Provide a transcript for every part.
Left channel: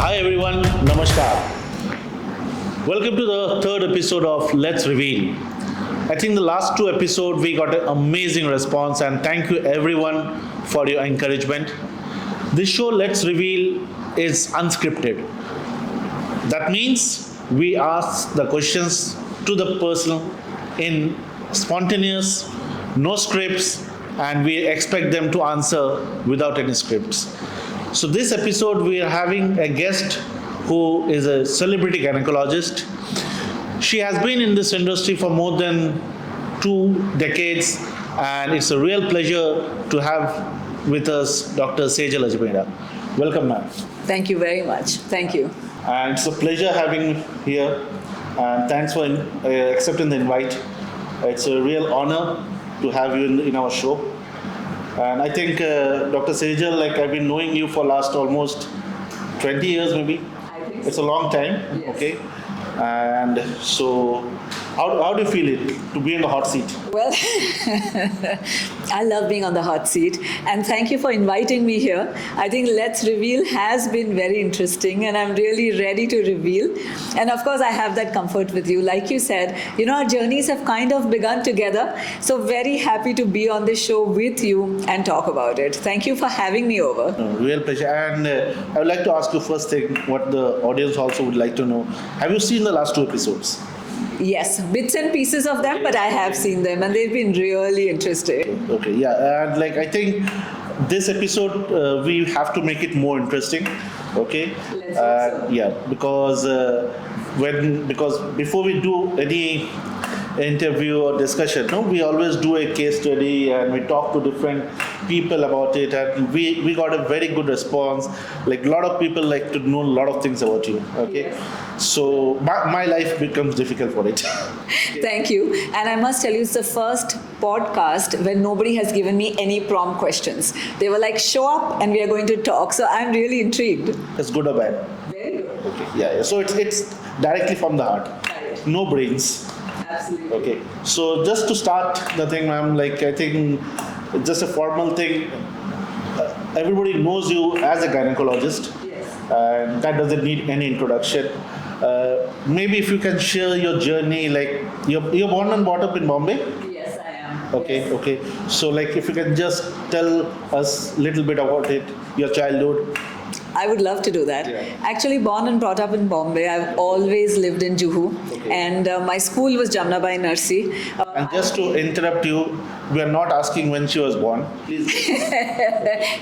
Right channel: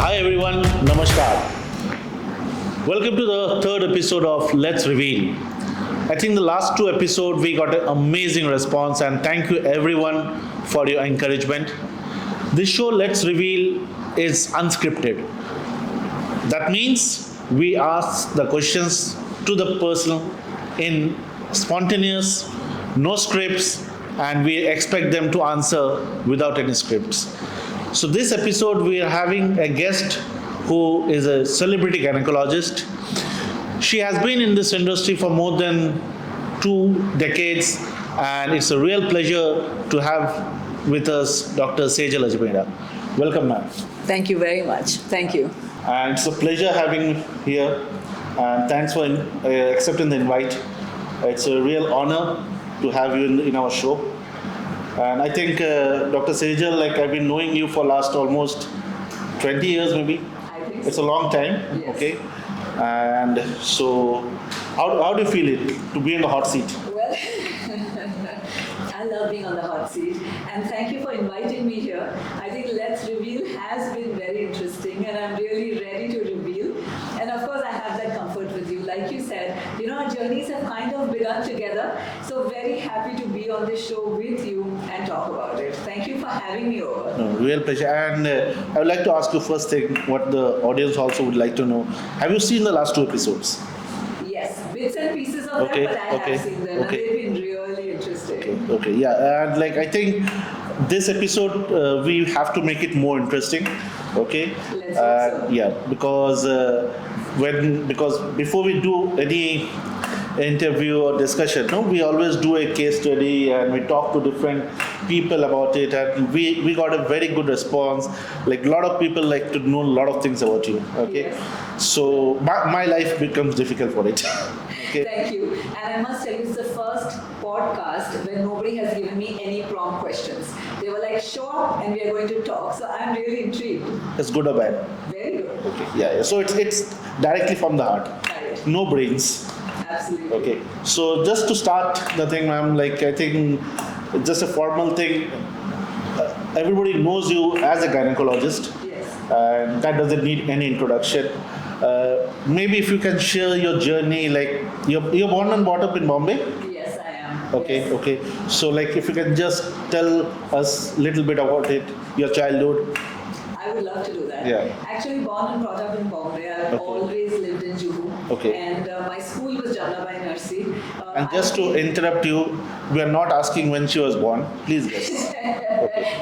Hi everyone, Namaskar. Welcome to the third episode of Let's Reveal. I think the last two episodes we got an amazing response, and thank you everyone for your encouragement. This show Let's Reveal is unscripted. That means we ask the questions to the person in spontaneous, no scripts, and we expect them to answer without any scripts. So this episode we are having a guest who is a celebrity gynecologist. She has been in this industry for more than 2 decades, and it's a real pleasure to have with us Dr. Sejal Ajmera. Welcome, ma'am. Thank you very much. Thank you. And it's a pleasure having you here. And thanks for accepting the invite. It's a real honor to have you in our show. And I think Dr. Sejal, like I've been knowing you for last almost 20 years maybe. I think It's a long time, Yes. okay? And so, how do you feel it to be in the hot seat? Well, I love being on the hot seat, and thank you for inviting me here. I think Let's Reveal has been very interesting, and I'm really ready to reveal. And of course, I have that comfort with you. Like you said, our journeys have kind of begun together. So very happy to be on this show with you and talk about it. Thank you for having me over. Real pleasure. And I would like to ask you first thing, what the audience also would like to know. Have you seen the last two episodes? Yes, bits and pieces of that, Okay, but I have okay, seen them, and they've been really interesting. Okay, yeah, and like I think this episode we have to make it more interesting. Okay, Let's hope so. yeah, because because before we do any interview or discussion, no, we always do a case study and we talk to different people about it, and we got a very good response. Like a lot of people like to know a lot of things about you. Okay, Yes. so my life becomes difficult for it. Thank you. And I must tell you, it's the first podcast where nobody has given me any prompt questions. They were like, show up and we are going to talk. So I'm really intrigued. It's good or bad. Very good. Okay. Yeah. So it's directly from the heart. Right. No brains. Absolutely. Okay. So just to start the thing, ma'am, like I think it's just a formal thing. Everybody knows you as a gynecologist, Yes. and that doesn't need any introduction. Maybe if you can share your journey, like you're born and brought up in Bombay. Yes, I am. Okay. Yes. Okay. So like if you can just tell us a little bit about it, your childhood. I would love to do that. Yeah. Actually, born and brought up in Bombay. I've always lived in Juhu. Okay. And my school was Jamnabai Nursery. And just to interrupt you, we are not asking when she was born. Please.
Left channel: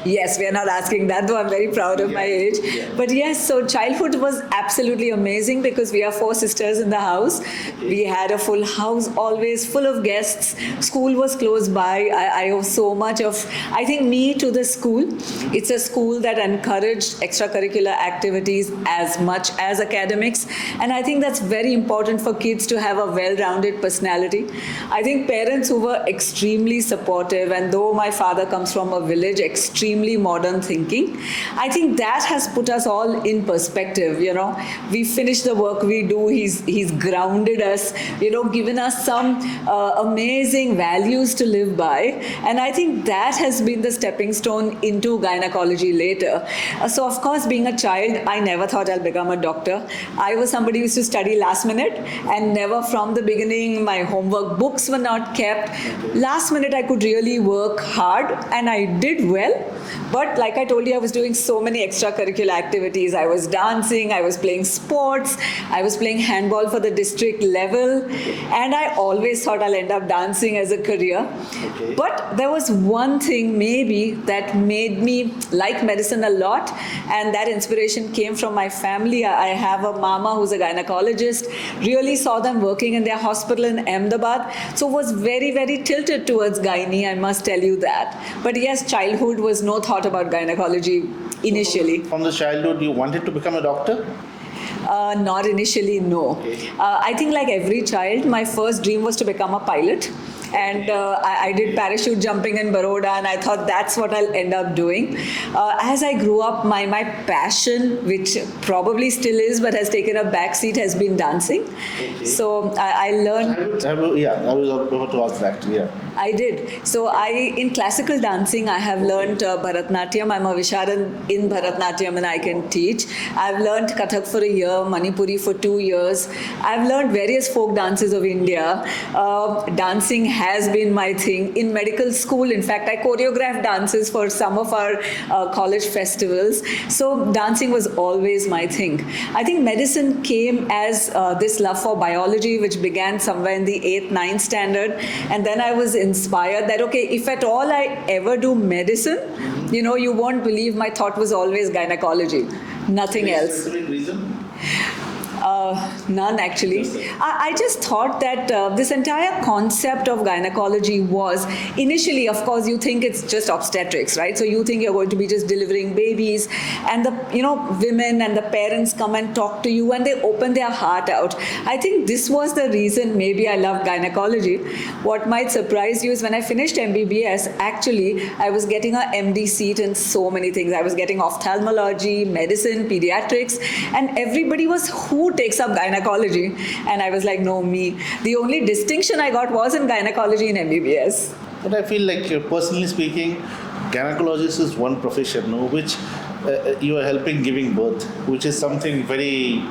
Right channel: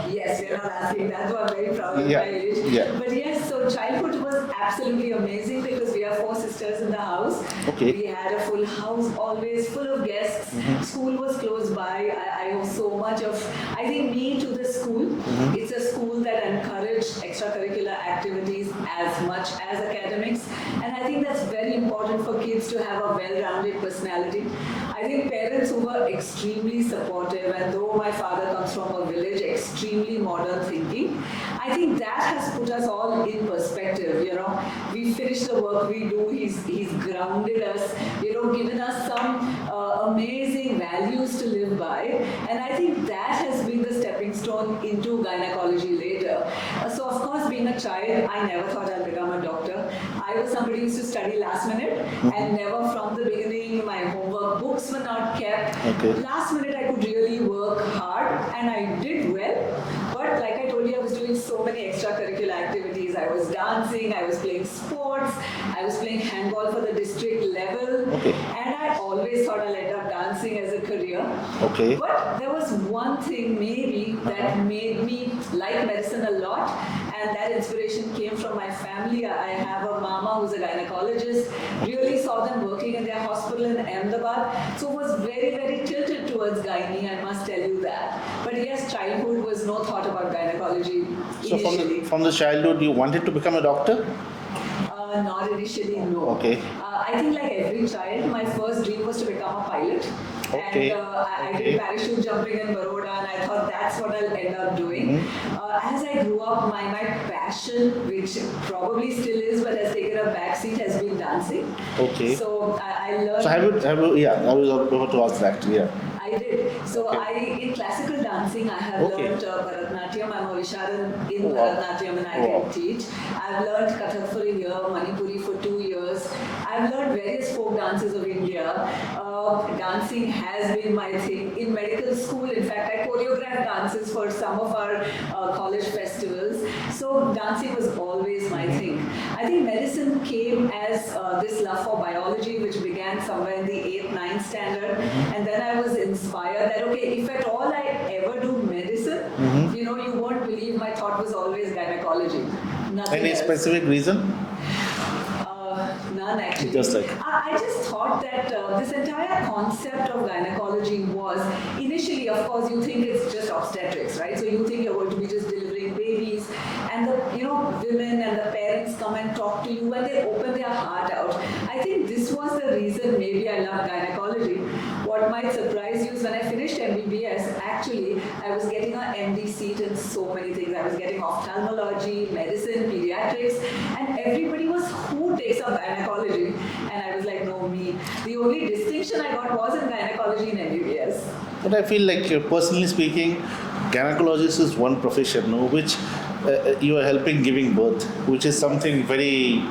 Yes, we are not asking that, though I'm very proud of Yeah, my age. yeah. But yes, so childhood was absolutely amazing because we are 4 sisters in the house. Okay. We had a full house, always full of guests. School was close by. I owe so much of, I think, me to the school. It's a school that encouraged extracurricular activities as much as academics. And I think that's very important for kids to have a well-rounded personality. I think parents who were extremely supportive, and though my father comes from a village, extremely modern thinking, I think that has put us all in perspective. We finish the work we do. He's grounded us, given us some amazing values to live by. And I think that has been the stepping stone into gynecology later. So of course, being a child, I never thought I'll become a doctor. I was somebody who used to study last minute, and never from the beginning, my homework books were not kept. Okay. Last minute, I could really work hard, and I did well. But like I told you, I was doing so many extracurricular activities. I was dancing, I was playing sports, I was playing handball for the district level, and I always thought I'll end up dancing as a career. Okay. But there was one thing maybe that made me like medicine a lot, and that inspiration came from my family. I have a mama who's a gynecologist, really saw them working in their hospital in Ahmedabad, so was very, very tilted towards gynae, I must tell you that. But yes, childhood was no thought about gynecology initially. So from the childhood, you wanted to become a doctor? Not initially, no. Okay. I think like every child, my first dream was to become a pilot. And Okay. I did parachute jumping in Baroda, and I thought that's what I'll end up doing. As I grew up, my passion, which probably still is but has taken a backseat, has been dancing. Okay. So I learned. I was about to ask that. Yeah. I did. So in classical dancing, I have learned Bharatnatyam. I'm a Visharan in Bharatnatyam and I can teach. I've learned Kathak for a year, Manipuri for 2 years. I've learned various folk dances of India. Dancing has been my thing. In medical school, in fact, I choreographed dances for some of our college festivals. So dancing was always my thing. I think medicine came as this love for biology, which began somewhere in the 8th, 9th standard. And then I was inspired that, okay, if at all I ever do medicine, you won't believe my thought was always gynecology. Nothing else. Any specific reason? None actually. I just thought that this entire concept of gynecology was initially, of course, you think it's just obstetrics, right? So you think you're going to be just delivering babies, and the women and the parents come and talk to you and they open their heart out. I think this was the reason maybe I loved gynecology. What might surprise you is when I finished MBBS, actually I was getting a MD seat in so many things. I was getting ophthalmology, medicine, pediatrics, and everybody was, who takes up gynecology? And I was like, no, me. The only distinction I got was in gynecology in MBBS. But I feel like, personally speaking, gynecologist is one profession, which you are helping giving birth, which is something very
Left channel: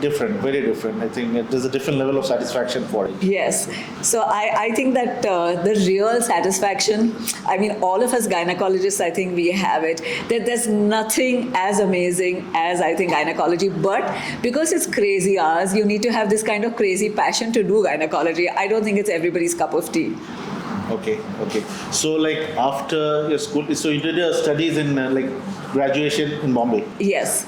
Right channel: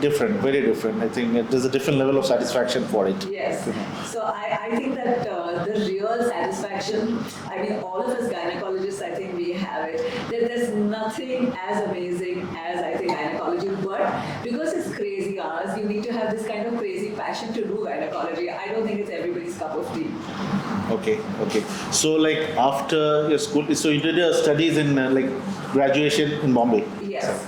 different, very different. I think there's a different level of satisfaction for it. Yes. So I think that the real satisfaction, I mean, all of us gynecologists, I think we have it. That there's nothing as amazing as, I think, gynecology. But because it's crazy hours, you need to have this kind of crazy passion to do gynecology. I don't think it's everybody's cup of tea. Okay. So, like, after your school, so you did your studies in graduation in Bombay? Yes.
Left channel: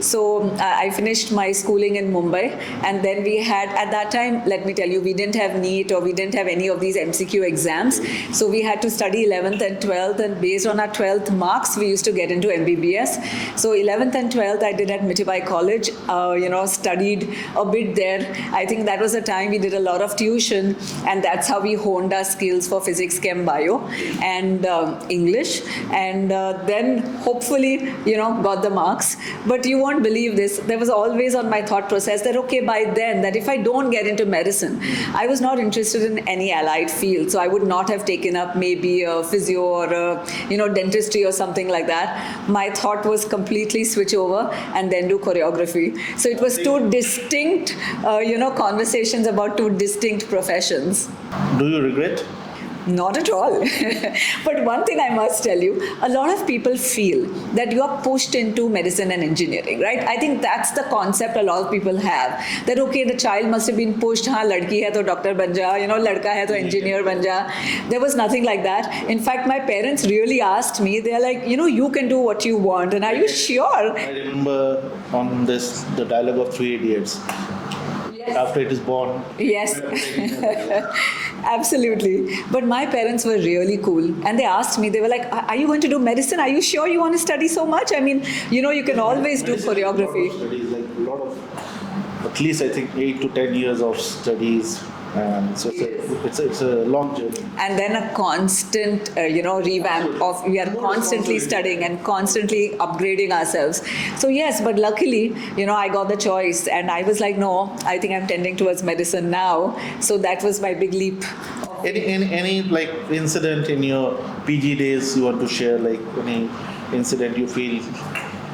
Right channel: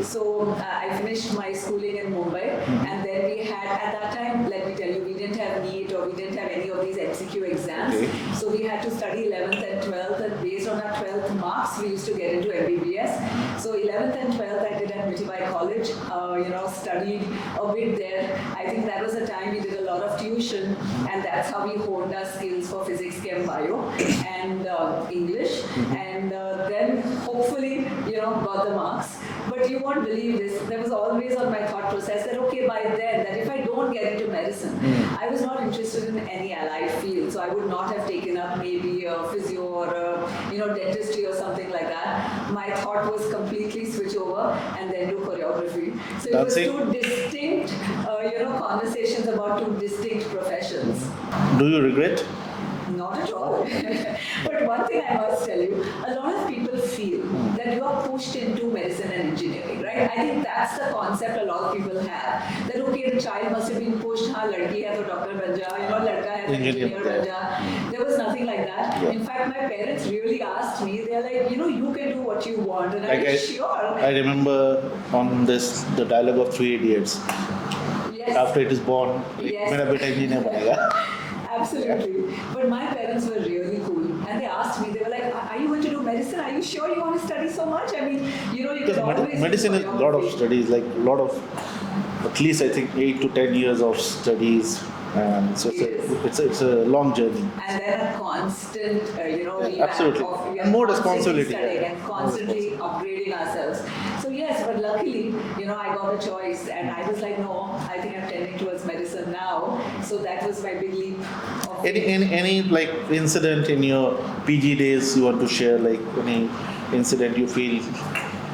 So I finished my schooling in Mumbai, and then we had, at that time, let me tell you, we didn't have NEET or we didn't have any of these MCQ exams. So we had to study 11th and 12th, and based on our 12th marks, we used to get into MBBS. So 11th and 12th I did at Mitibai College, studied a bit there. I think that was the time we did a lot of tuition, and that's how we honed our skills for physics, chem, bio, and English. And then hopefully, got the marks. But you won't believe this. There was always on my thought process that, okay, by then, that if I don't get into medicine, I was not interested in any allied field. So I would not have taken up maybe a physio or dentistry or something like that. My thought was completely switch over and then do choreography. So it was two distinct, conversations about two distinct professions. Do you regret? Not at all. But one thing I must tell you, a lot of people feel that you are pushed into medicine and engineering, right? I think that's the concept a lot of people have. That, okay, the child must have been pushed, ladki hai to doctor ban ja, ladka hai to engineer ban ja. There was nothing like that. In fact, my parents really asked me, they're like, you can do what you want. And are you sure? I remember on the dialogue of Three Idiots. Yes. After it is born. Yes. Absolutely. But my parents were really cool. And they asked me, they were like, are you going to do medicine? Are you sure you want to study so much? I mean, you can always do choreography. A lot of studies, at least I think 8 to 10 years of studies. So it's a long journey. And then a constant, revamp of, we are constantly studying and constantly upgrading ourselves. So yes, but luckily, I got the choice and I was like, no, I think I'm tending towards medicine now. So that was my big leap. Any incident in your PG days you want to share, any incident you feel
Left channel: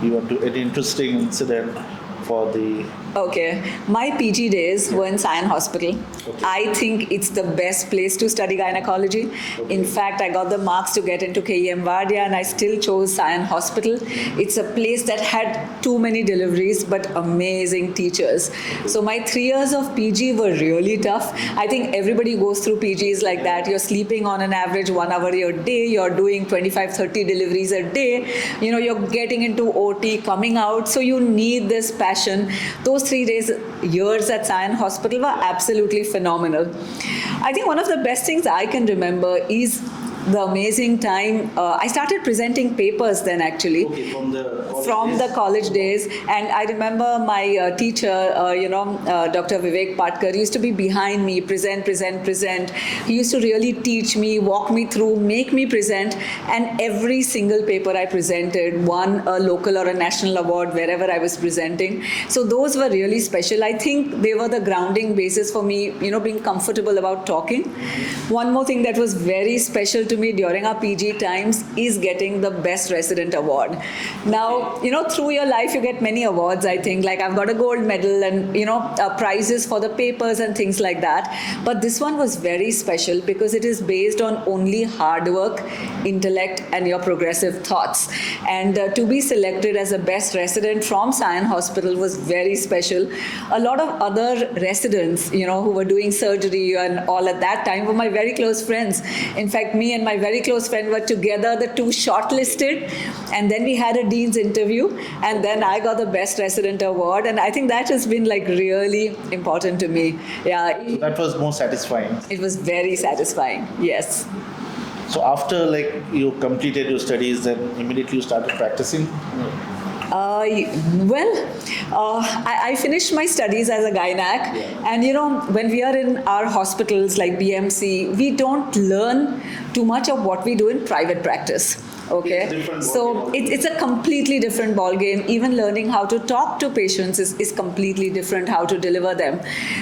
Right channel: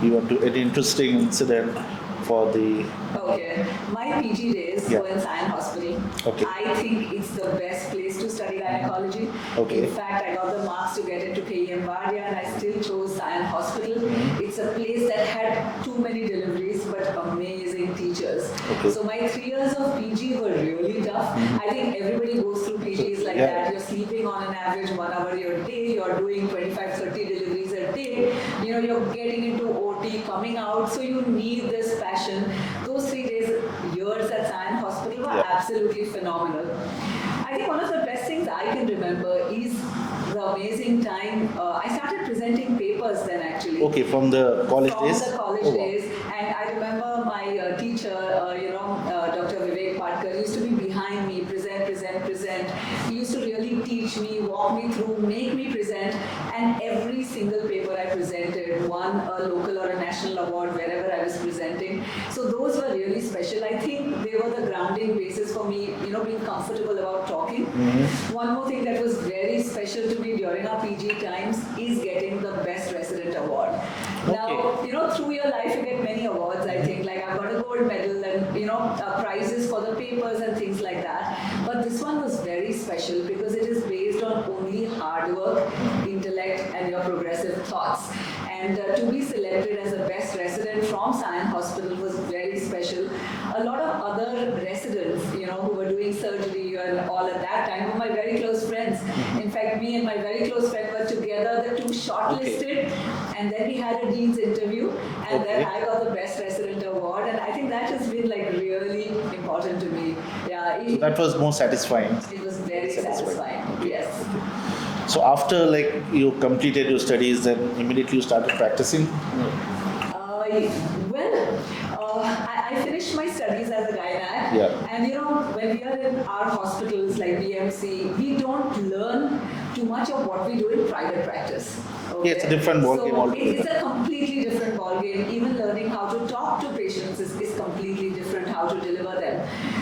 you want to, an interesting incident for the... Okay, my PG days were in Sion Hospital. Okay. I think it's the best place to study gynecology. Okay. In fact, I got the marks to get into KEM Vardia and I still chose Sion Hospital. It's a place that had too many deliveries but amazing teachers. Okay. So my 3 years of PG were really tough. I think everybody goes through PGs like that. You're sleeping on an average 1 hour a day. You're doing 25-30 deliveries a day. You're getting into OT, coming out. So you need this passion. Those 3 years at Sion Hospital were absolutely phenomenal. I think one of the best things I can remember is the amazing time. I started presenting papers then actually. Okay, from the college From days? the college Oh, wow. days, and I remember my teacher, Dr. Vivek Patkar, used to be behind me, present. He used to really teach me, walk me through, make me present, and every single paper I presented won a local or a national award wherever I was presenting. So those were really special. I think they were the grounding basis for me, being comfortable about talking. One more thing that was very special to me during our PG times is getting the Best Resident Award. Now, through your life you get many awards, I think. Like I've got a gold medal and, prizes for the papers and things like that. But this one was very special because it is based on only hard work, intellect, and your progressive thoughts. And to be selected as a best resident from Sion Hospital was very special. A lot of other residents, who were doing surgery and all at that time were my very close friends. In fact, me and my very close friend were together, the two shortlisted, and then we had a dean's interview, and then I got the best resident award, and I think that has been like really important to me. Yeah, So that was more satisfying. it was very satisfying. Yes. So after like you completed your studies, then immediately you started practicing. I finished my studies as a gynac, and when we are in our hospitals like BMC, we don't learn too much of what we do in private practice. Okay, it's a different ballgame so altogether. it's a completely different ball game. Even learning how to talk to patients is completely different, how to deliver them.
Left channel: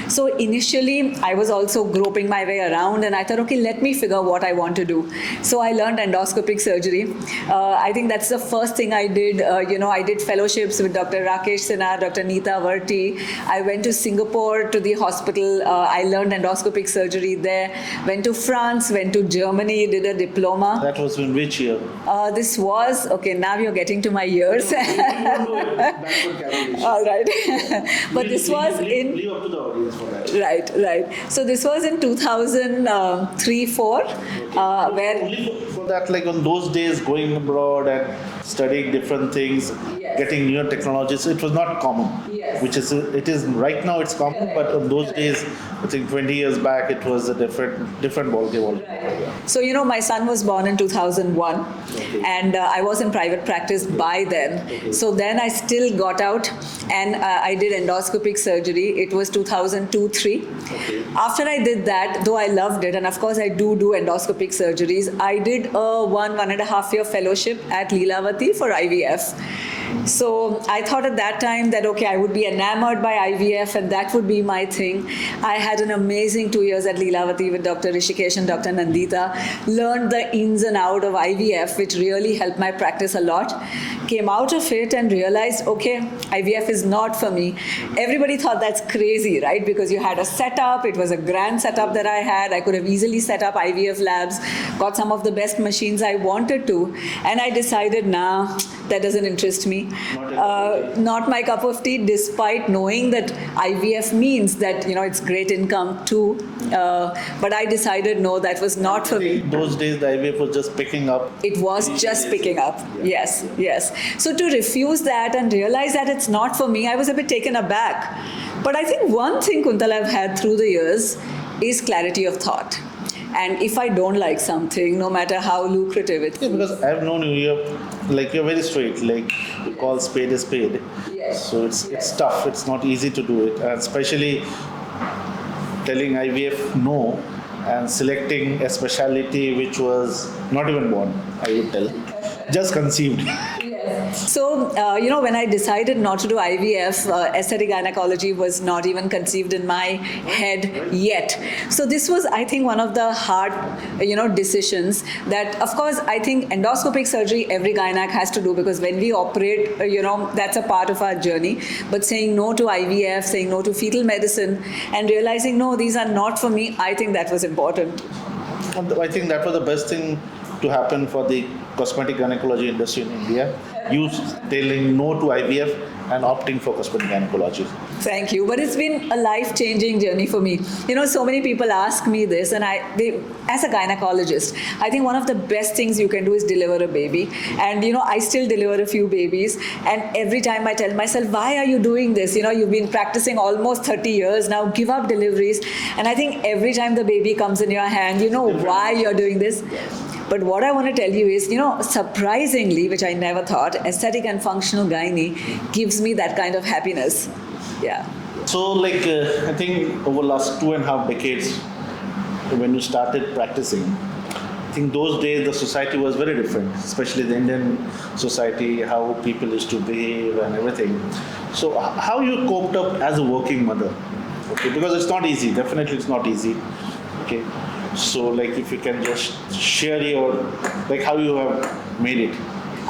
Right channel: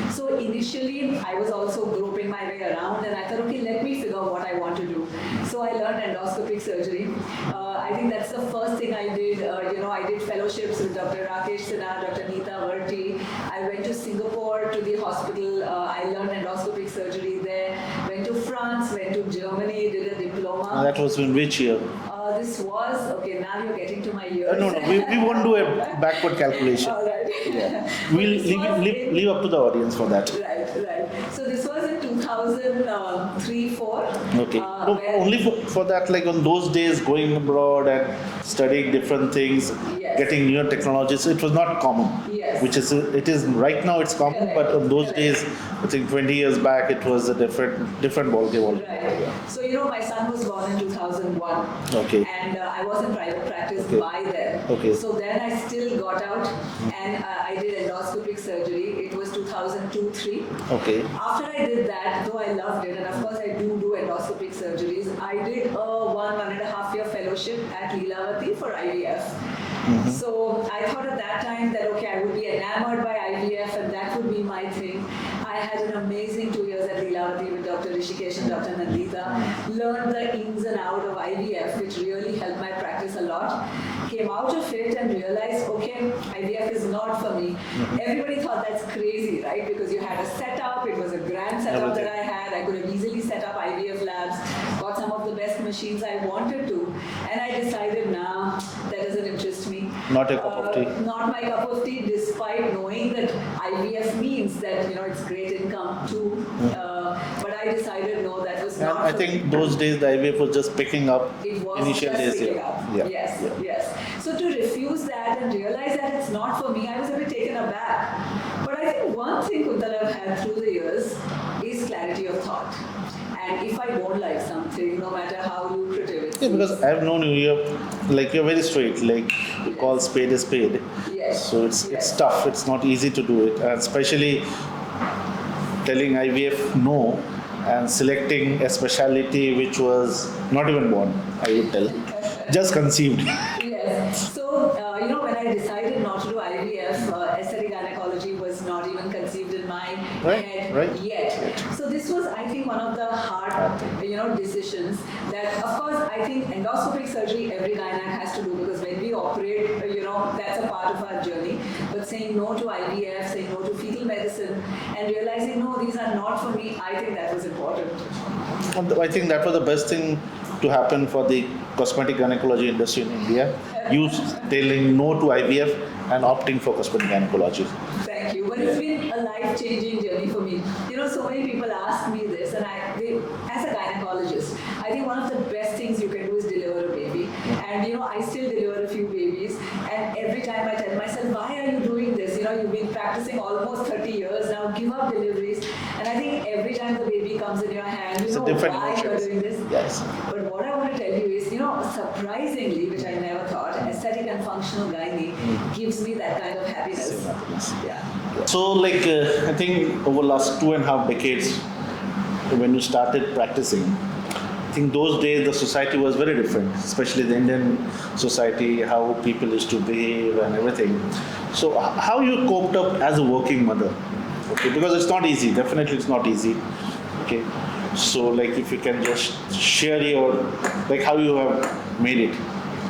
So initially I was also groping my way around, and I thought, okay, let me figure what I want to do. So I learned endoscopic surgery. I think that's the first thing I did. I did fellowships with Dr. Rakesh Sinha, Dr. Neeta Varti. I went to Singapore to the hospital. I learned endoscopic surgery there. Went to France, went to Germany, did a diploma. That was in which year? This was, okay, now you're getting to my years. No, we won't do a backward calculation. All right. But this was in... Leave up to the audience for that. Right. So this was in 2003-04. Okay. Where... Only for that, like on those days, going abroad and studying different things, Yes. getting newer technologies, it was not common. Yes. It is right now. It's common, Correct. but on those Correct. days, I think 20 years back, it was a different ballgame. Right. So, my son was born in 2001. Okay. And I was in private practice by then. Okay. So then I still got out and I did endoscopic surgery. It was 2002-03. Okay. After I did that, though I loved it, and of course I do endoscopic surgeries, I did a 1.5 year fellowship at Leelavati for IVF. So I thought at that time that, okay, I would be enamored by IVF and that would be my thing. I had an amazing 2 years at Leelavati with Dr. Rishikesh and Dr. Nandita. Learned the ins and out of IVF, which really helped my practice a lot. Came out of it and realized, okay, IVF is not for me. Everybody thought that's crazy, right? Because you had a setup. It was a grand setup that I had. I could have easily set up IVF labs, got some of the best machines I wanted to. And I decided, nah, that doesn't interest me. Not a cup of tea. Not my cup of tea, despite knowing that IVF means that, it's great income too. But I decided, no, that was not for I me. think those days the IVF was just picking up. It was Initial just days, picking yeah. up. Yeah. Yes. So to refuse that and realize that it's not for me, I was a bit taken aback. But I think one thing, Kuntal, I've had through the years is clarity of thought. And if I don't like something, no matter how lucrative it Yeah, is. because I've known you, you're very straight. Like you call spade a spade. Yes. So it's Yes. tough. It's not easy to do it, and especially telling IVF no and selecting a specialty which was not even born. I would tell, just conceived. Yes. So, when I decided not to do IVF, aesthetic gynecology was not even conceived in my head yet. So this was, I think, one of the hard, decisions that, of course, I think endoscopic surgery every gynac has to do because when we operate, that's a part of our journey. But saying no to IVF, saying no to fetal medicine, and realizing, no, these are not for me, I think that was important. And I think that was the best thing to happen for the cosmetic gynecology industry in India. You telling no to IVF and opting for cosmetic gynecology? Thank you. But it's been a life-changing journey for me. So many people ask me this, and as a gynecologist, I think one of the best things you can do is deliver a baby. And I still deliver a few babies, and every time I tell myself, why are you doing this? You've been practicing almost 30 years now. Give up deliveries. And I think every time the baby comes in your hand, you know why you're doing this. Yes. But what I want to tell you is, surprisingly, which I never thought, aesthetic and functional gynae gives me that kind of happiness. Yeah. So, I think over the last 2.5 decades, when you started practicing, I think those days the society was very different, especially the Indian society, how people used to behave and everything. So, how you coped up as a working mother? Okay, because it's not easy. Definitely, it's not easy. Okay, so if you can just share your how you have made it.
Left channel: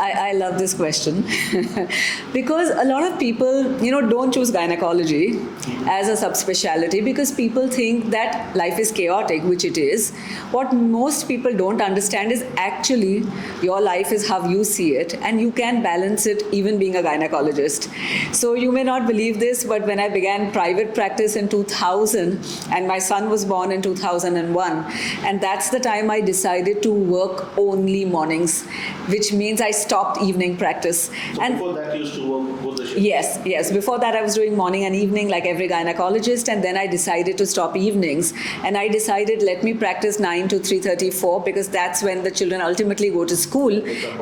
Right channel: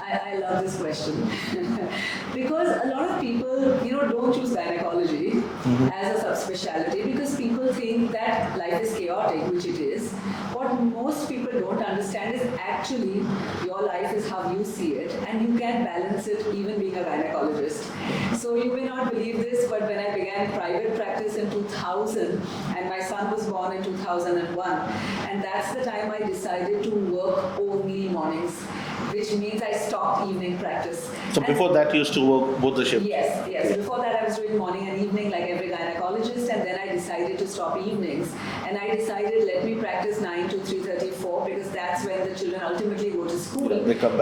I love this question because a lot of people, don't choose gynecology as a subspecialty because people think that life is chaotic, which it is. What most people don't understand is actually your life is how you see it, and you can balance it even being a gynecologist. So you may not believe this, but when I began private practice in 2000, and my son was born in 2001, and that's the time I decided to work only mornings, which means I stopped evening practice. So and before that, you used to work both the shifts? Yes. Before that, I was doing morning and evening like every gynecologist, and then I decided to stop evenings. And I decided, let me practice 9 to 3:34 because that's when the children ultimately go to school.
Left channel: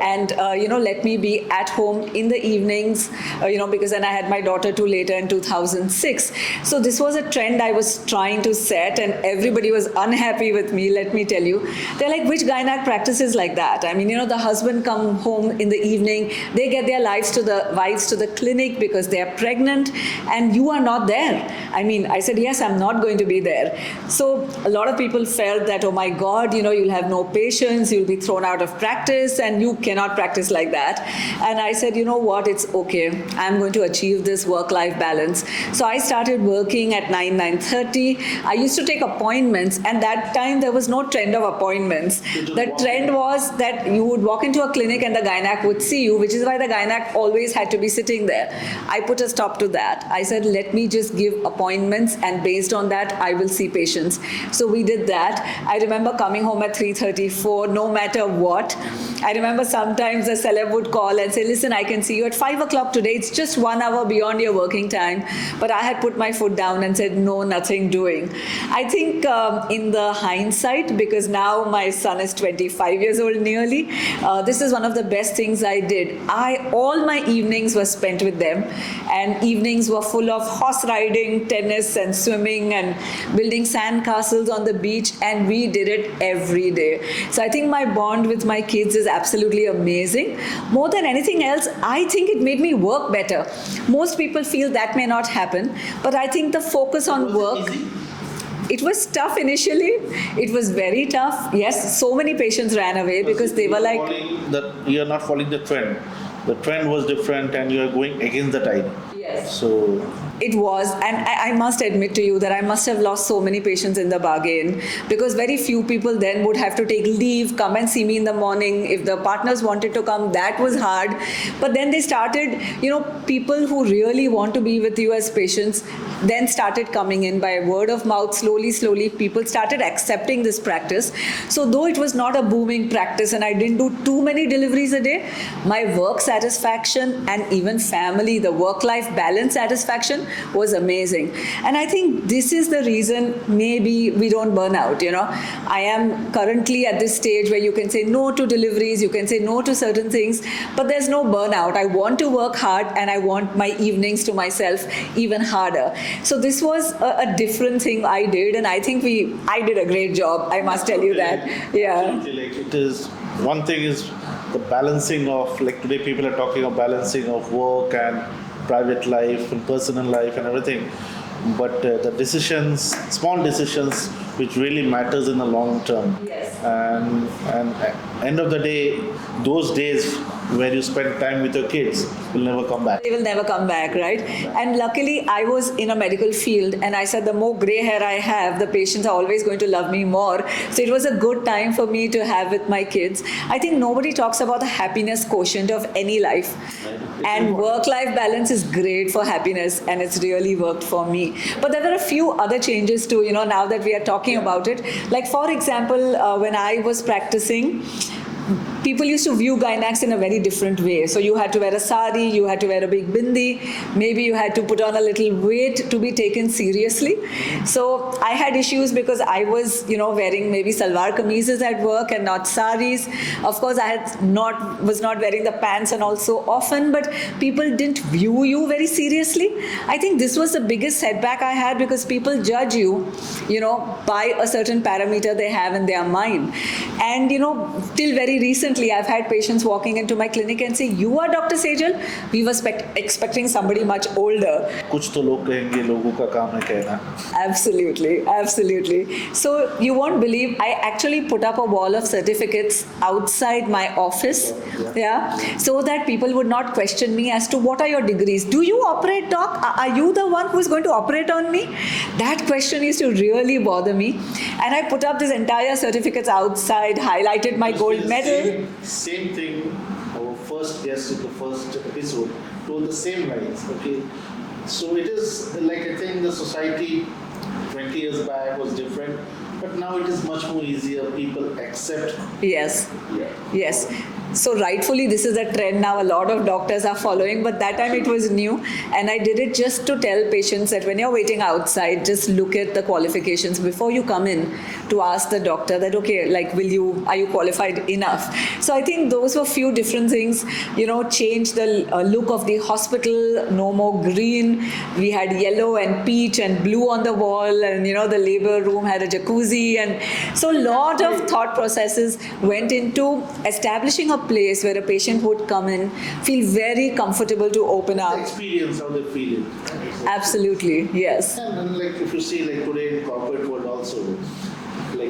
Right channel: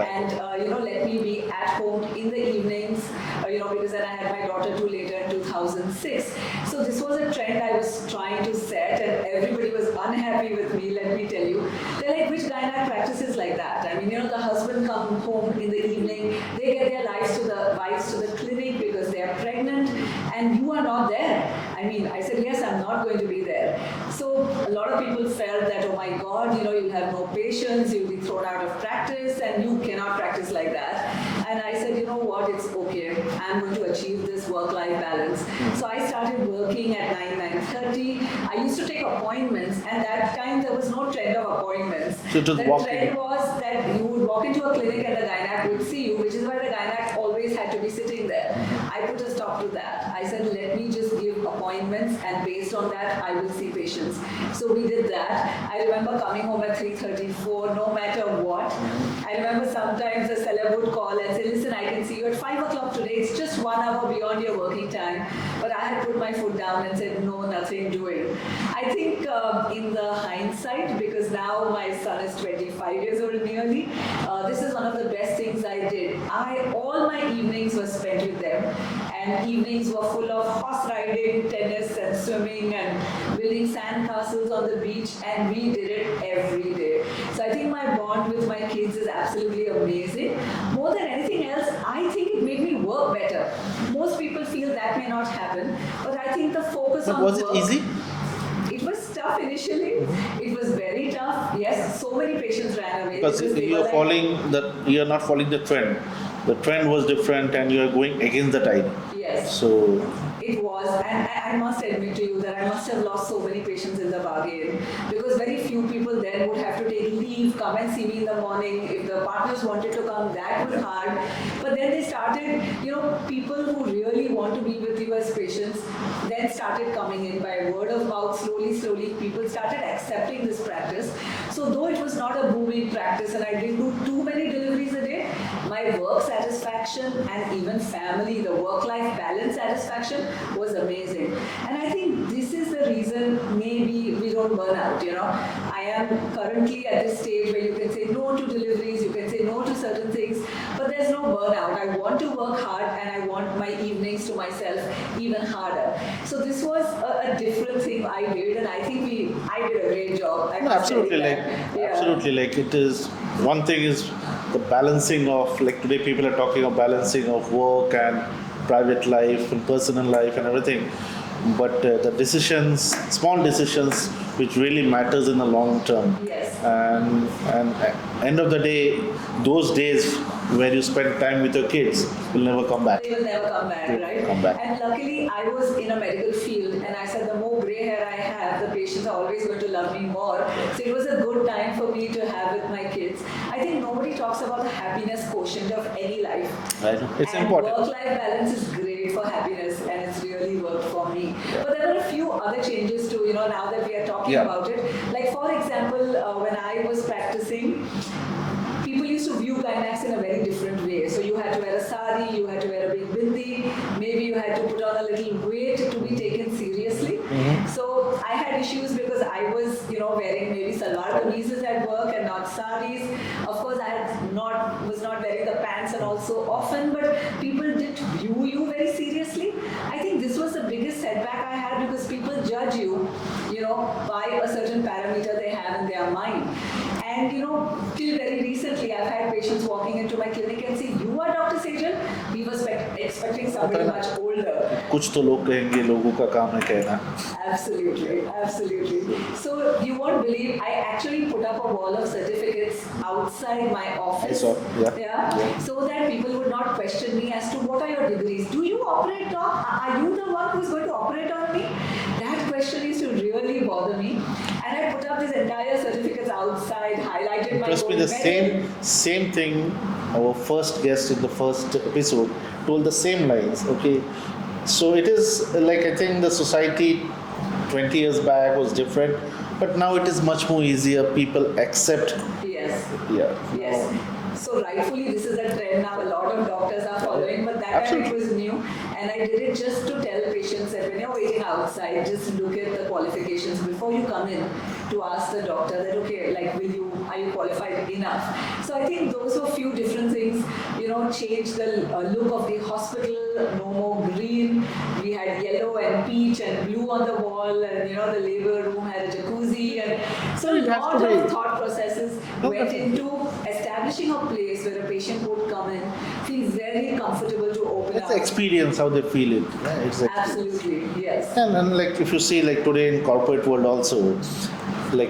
And, let me be at home in the evenings, because then I had my daughter too later in 2006. So this was a trend I was trying to set, and everybody was unhappy with me, let me tell you. They're like, which gynac practices like that? I mean, the husband come home in the evening, they get their wives to the clinic because they are pregnant, and you are not there. I mean, I said, yes, I'm not going to be there. So a lot of people felt that, oh my God, you'll have no patience, you'll be thrown out of practice, and you cannot practice like that. And I said, you know what, it's okay. I'm going to achieve this work-life balance. So I started working at 9:30. I used to take appointments, and that time there was no trend of appointments. The trend was that you would walk into a clinic and the gynac would see you, which is why the gynac always had to be sitting there. I put a stop to that. I said, let me just give appointments, and based on that, I will see patients. So we did that. I remember coming home at 3:34, no matter what. I remember sometimes a celeb would call and say, listen, I can see you at 5 o'clock today. It's just 1 hour beyond your working time. But I had put my foot down and said, no, nothing doing. I think in the hindsight, because now my son is 25 years old nearly, this is one of the best things I did. All my evenings were spent with them, and evenings were full of horse riding, tennis and swimming and building sand castles on the beach, and we did it every day. So I think my bond with my kids is absolutely amazing. More than anything else, I think it made me work better. Most people feel that may not happen, but I think the focus on work... Was it easy? It was tough initially. It was very tough. Yes, so many patients ran away because they were like... You're not following the trend. The trend was different and you're going against the tide. Yes. So... It was, and I must admit to you that I must have lost so many patients in the bargain, because very few people then would have to take leave, come and see me in the morning. If the partners wanted to come, that was hard. But then they started, people who really want to be with you as patients then started coming in by word of mouth. Slowly, people started accepting this practice. So though it was not a booming practice and I didn't do too many deliveries a day, my work satisfaction and even family, the work-life balance satisfaction was amazing. And I think this is the reason maybe we don't burn out, I am currently at this stage where you can say no to deliveries, you can say no to certain things, but there's no burnout. I want to work hard, and I want my evenings to myself even harder. So this was a different thing I did, and I think I did a great job, I must tell you that. Yeah. Absolutely, it is, one thing is the balancing of, today people are talking of balancing of work and private life and personal life and everything, but the decisions, small decisions, which really matters in the long term. Yes. And end of the day, those days where you spend time with your kids will never come back. They will never come back, right? Come back. And luckily, I was in a medical field, and I said the more gray hair I have, the patients are always going to love me more. So it was a good time for me to have with my kids. I think nobody talks about the happiness quotient of any life. Right. It's And important. work-life balance is great for happiness, and it's really worked for me. But there were a few other changes too, now that we are talking Yeah. about it. Like for example, when I was practicing, people used to view gynacs in a very different way. So you had to wear a sari, you had to wear a big bindi, maybe you had to put on a little weight to be taken seriously. So I had issues because I was, wearing maybe salwar kameezes at work and not saris. Of course, I was not wearing the pants and all so often, but people didn't view you very seriously. I think this was the biggest setback I had because people judge you, by a certain parameter they have in their mind. And, till very recently, I've had patients walking into my clinic and say, "You are Dr. Sejal?" We were expecting somebody much older. कुछ तो लोग कहेंगे, लोगों का काम है कहना. Absolutely, absolutely. So you won't believe, I actually put up a wall of certificates outside my office, yeah, so that people would not question me as to what are your degrees. Do you operate, doc? Are you the one who's going to operate on me? That question used to really bother me, and I put up this entire certificates outside, highlighted my Must be gold the medal. same thing. Our first guest in the first episode told the same lines. Okay, so it is like, I think the society 20 years back was different, but now it is much more easier. People accept. Yes. Yeah. Yes. So rightfully, this is a trend now. A lot of doctors are following, but that time it was new, and I did it just to tell patients that when you're waiting outside, just look at the qualifications before you come in to ask the doctor that, okay, like, are you qualified enough? So I think those were few different things. Changed the look of the hospital. No more green. We had yellow and peach and blue on the wall, and the labor room had a jacuzzi, and so a lot of thought processes went into establishing a place where a patient would come in, feel very comfortable to open The up. experience, how they feel it. Exactly. Absolutely, yes. And like if you see like today in corporate world also, like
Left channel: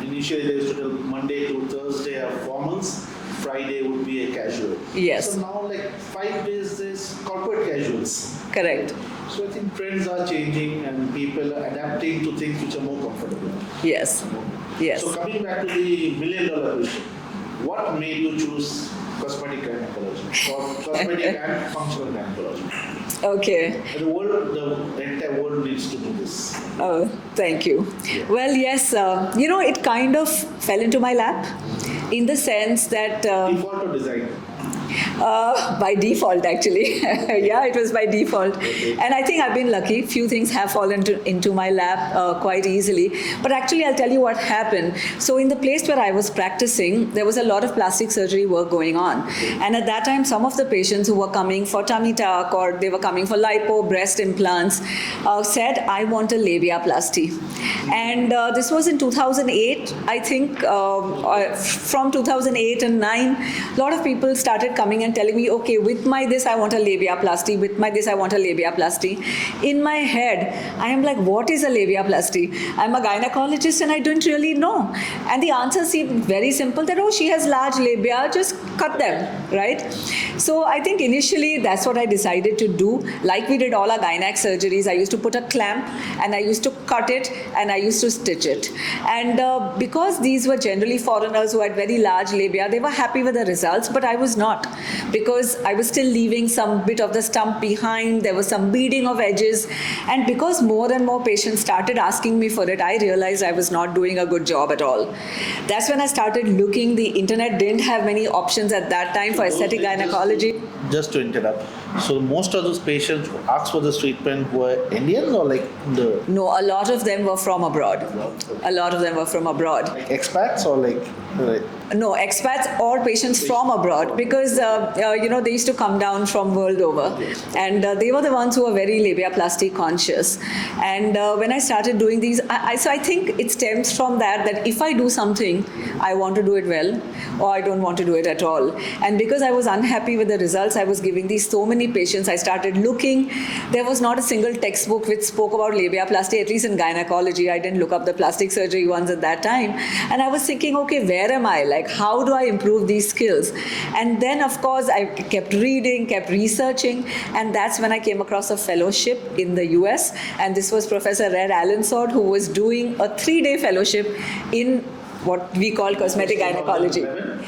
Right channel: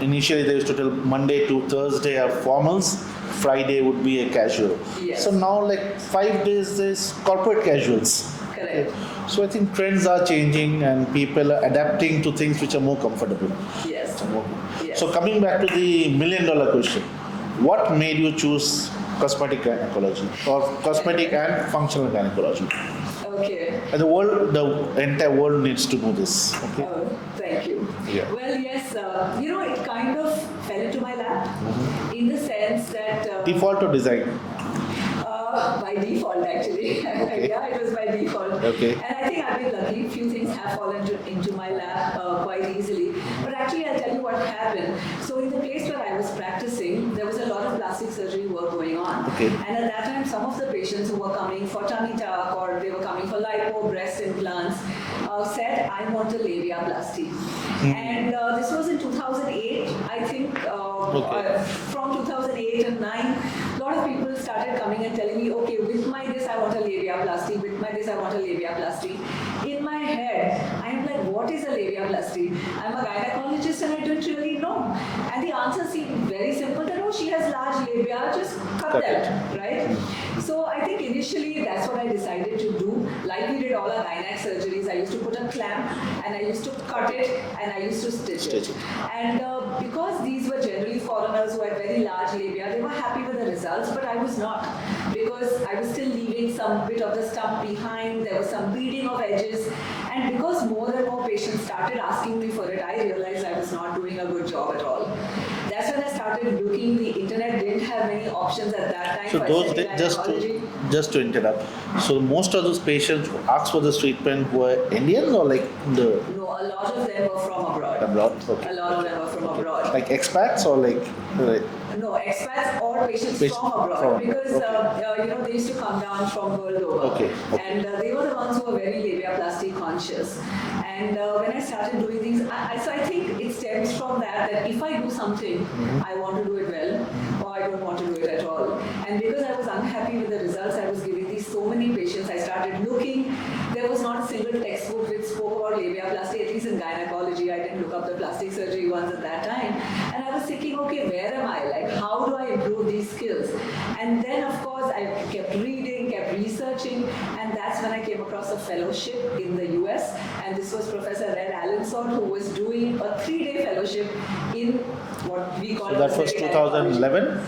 initially they used to tell Monday to Thursday are formals, Friday would be a casual. Yes. So now like 5 days is corporate casuals. Correct. So I think trends are changing and people are adapting to things which are more comfortable. Yes. Yes. So coming back to the $1 million question, what made you choose cosmetic gynecology or cosmetic and functional gynecology? Okay. And the entire world needs to know this. Oh, thank you. Yeah. Well, yes, it kind of fell into my lap in the sense that Default or design? by default, actually. Yeah, it was by default. Okay. And I think I've been lucky. Few things have fallen into my lap quite easily. But actually, I'll tell you what happened. So in the place where I was practicing, there was a lot of plastic surgery work going on. Okay. And at that time, some of the patients who were coming for tummy tuck or they were coming for lipo, breast implants, said, I want a labiaplasty. And this was in 2008, I think. From 2008 and 9, a lot of people started coming and telling me, okay, with my this I want a labiaplasty, with my this I want a labiaplasty. In my head, I am like, what is a labiaplasty? I'm a gynecologist and I don't really know. And the answer seemed very simple, that, oh, she has large labia, just cut them, right? So I think initially that's what I decided to do. Like we did all our gynac surgeries, I used to put a clamp and I used to cut it and I used to stitch it. And because these were generally foreigners who had very large labia, they were happy with the results, but I was not, because I was still leaving some bit of the stump behind. There was some beading of edges, and because more and more patients started asking me for it, I realized I was not doing a good job at all. That's when I started looking. The internet didn't have many options at that time for aesthetic gynecology. Just to interrupt, so most of those patients who asked for this treatment were Indians or like the No, a lot of them were from abroad. A lot of them were from abroad. like expats or like No, expats or patients from abroad, because they used to come down from world over, and they were the ones who were very labiaplasty conscious. And when I started doing these, so I think it stems from that if I do something, I want to do it well, or I don't want to do it at all. And because I was unhappy with the results I was giving these so many patients, I started looking. There was not a single textbook which spoke about labiaplasty, at least in gynecology. I didn't look up the plastic surgery ones at that time, and I was thinking, okay, where am I? like, how do I improve these skills? And then, of course, I kept reading, kept researching, and that's when I came across a fellowship in the US. And this was Professor Red Allensord, who was doing a 3-day fellowship in what we call cosmetic gynecology. 2011?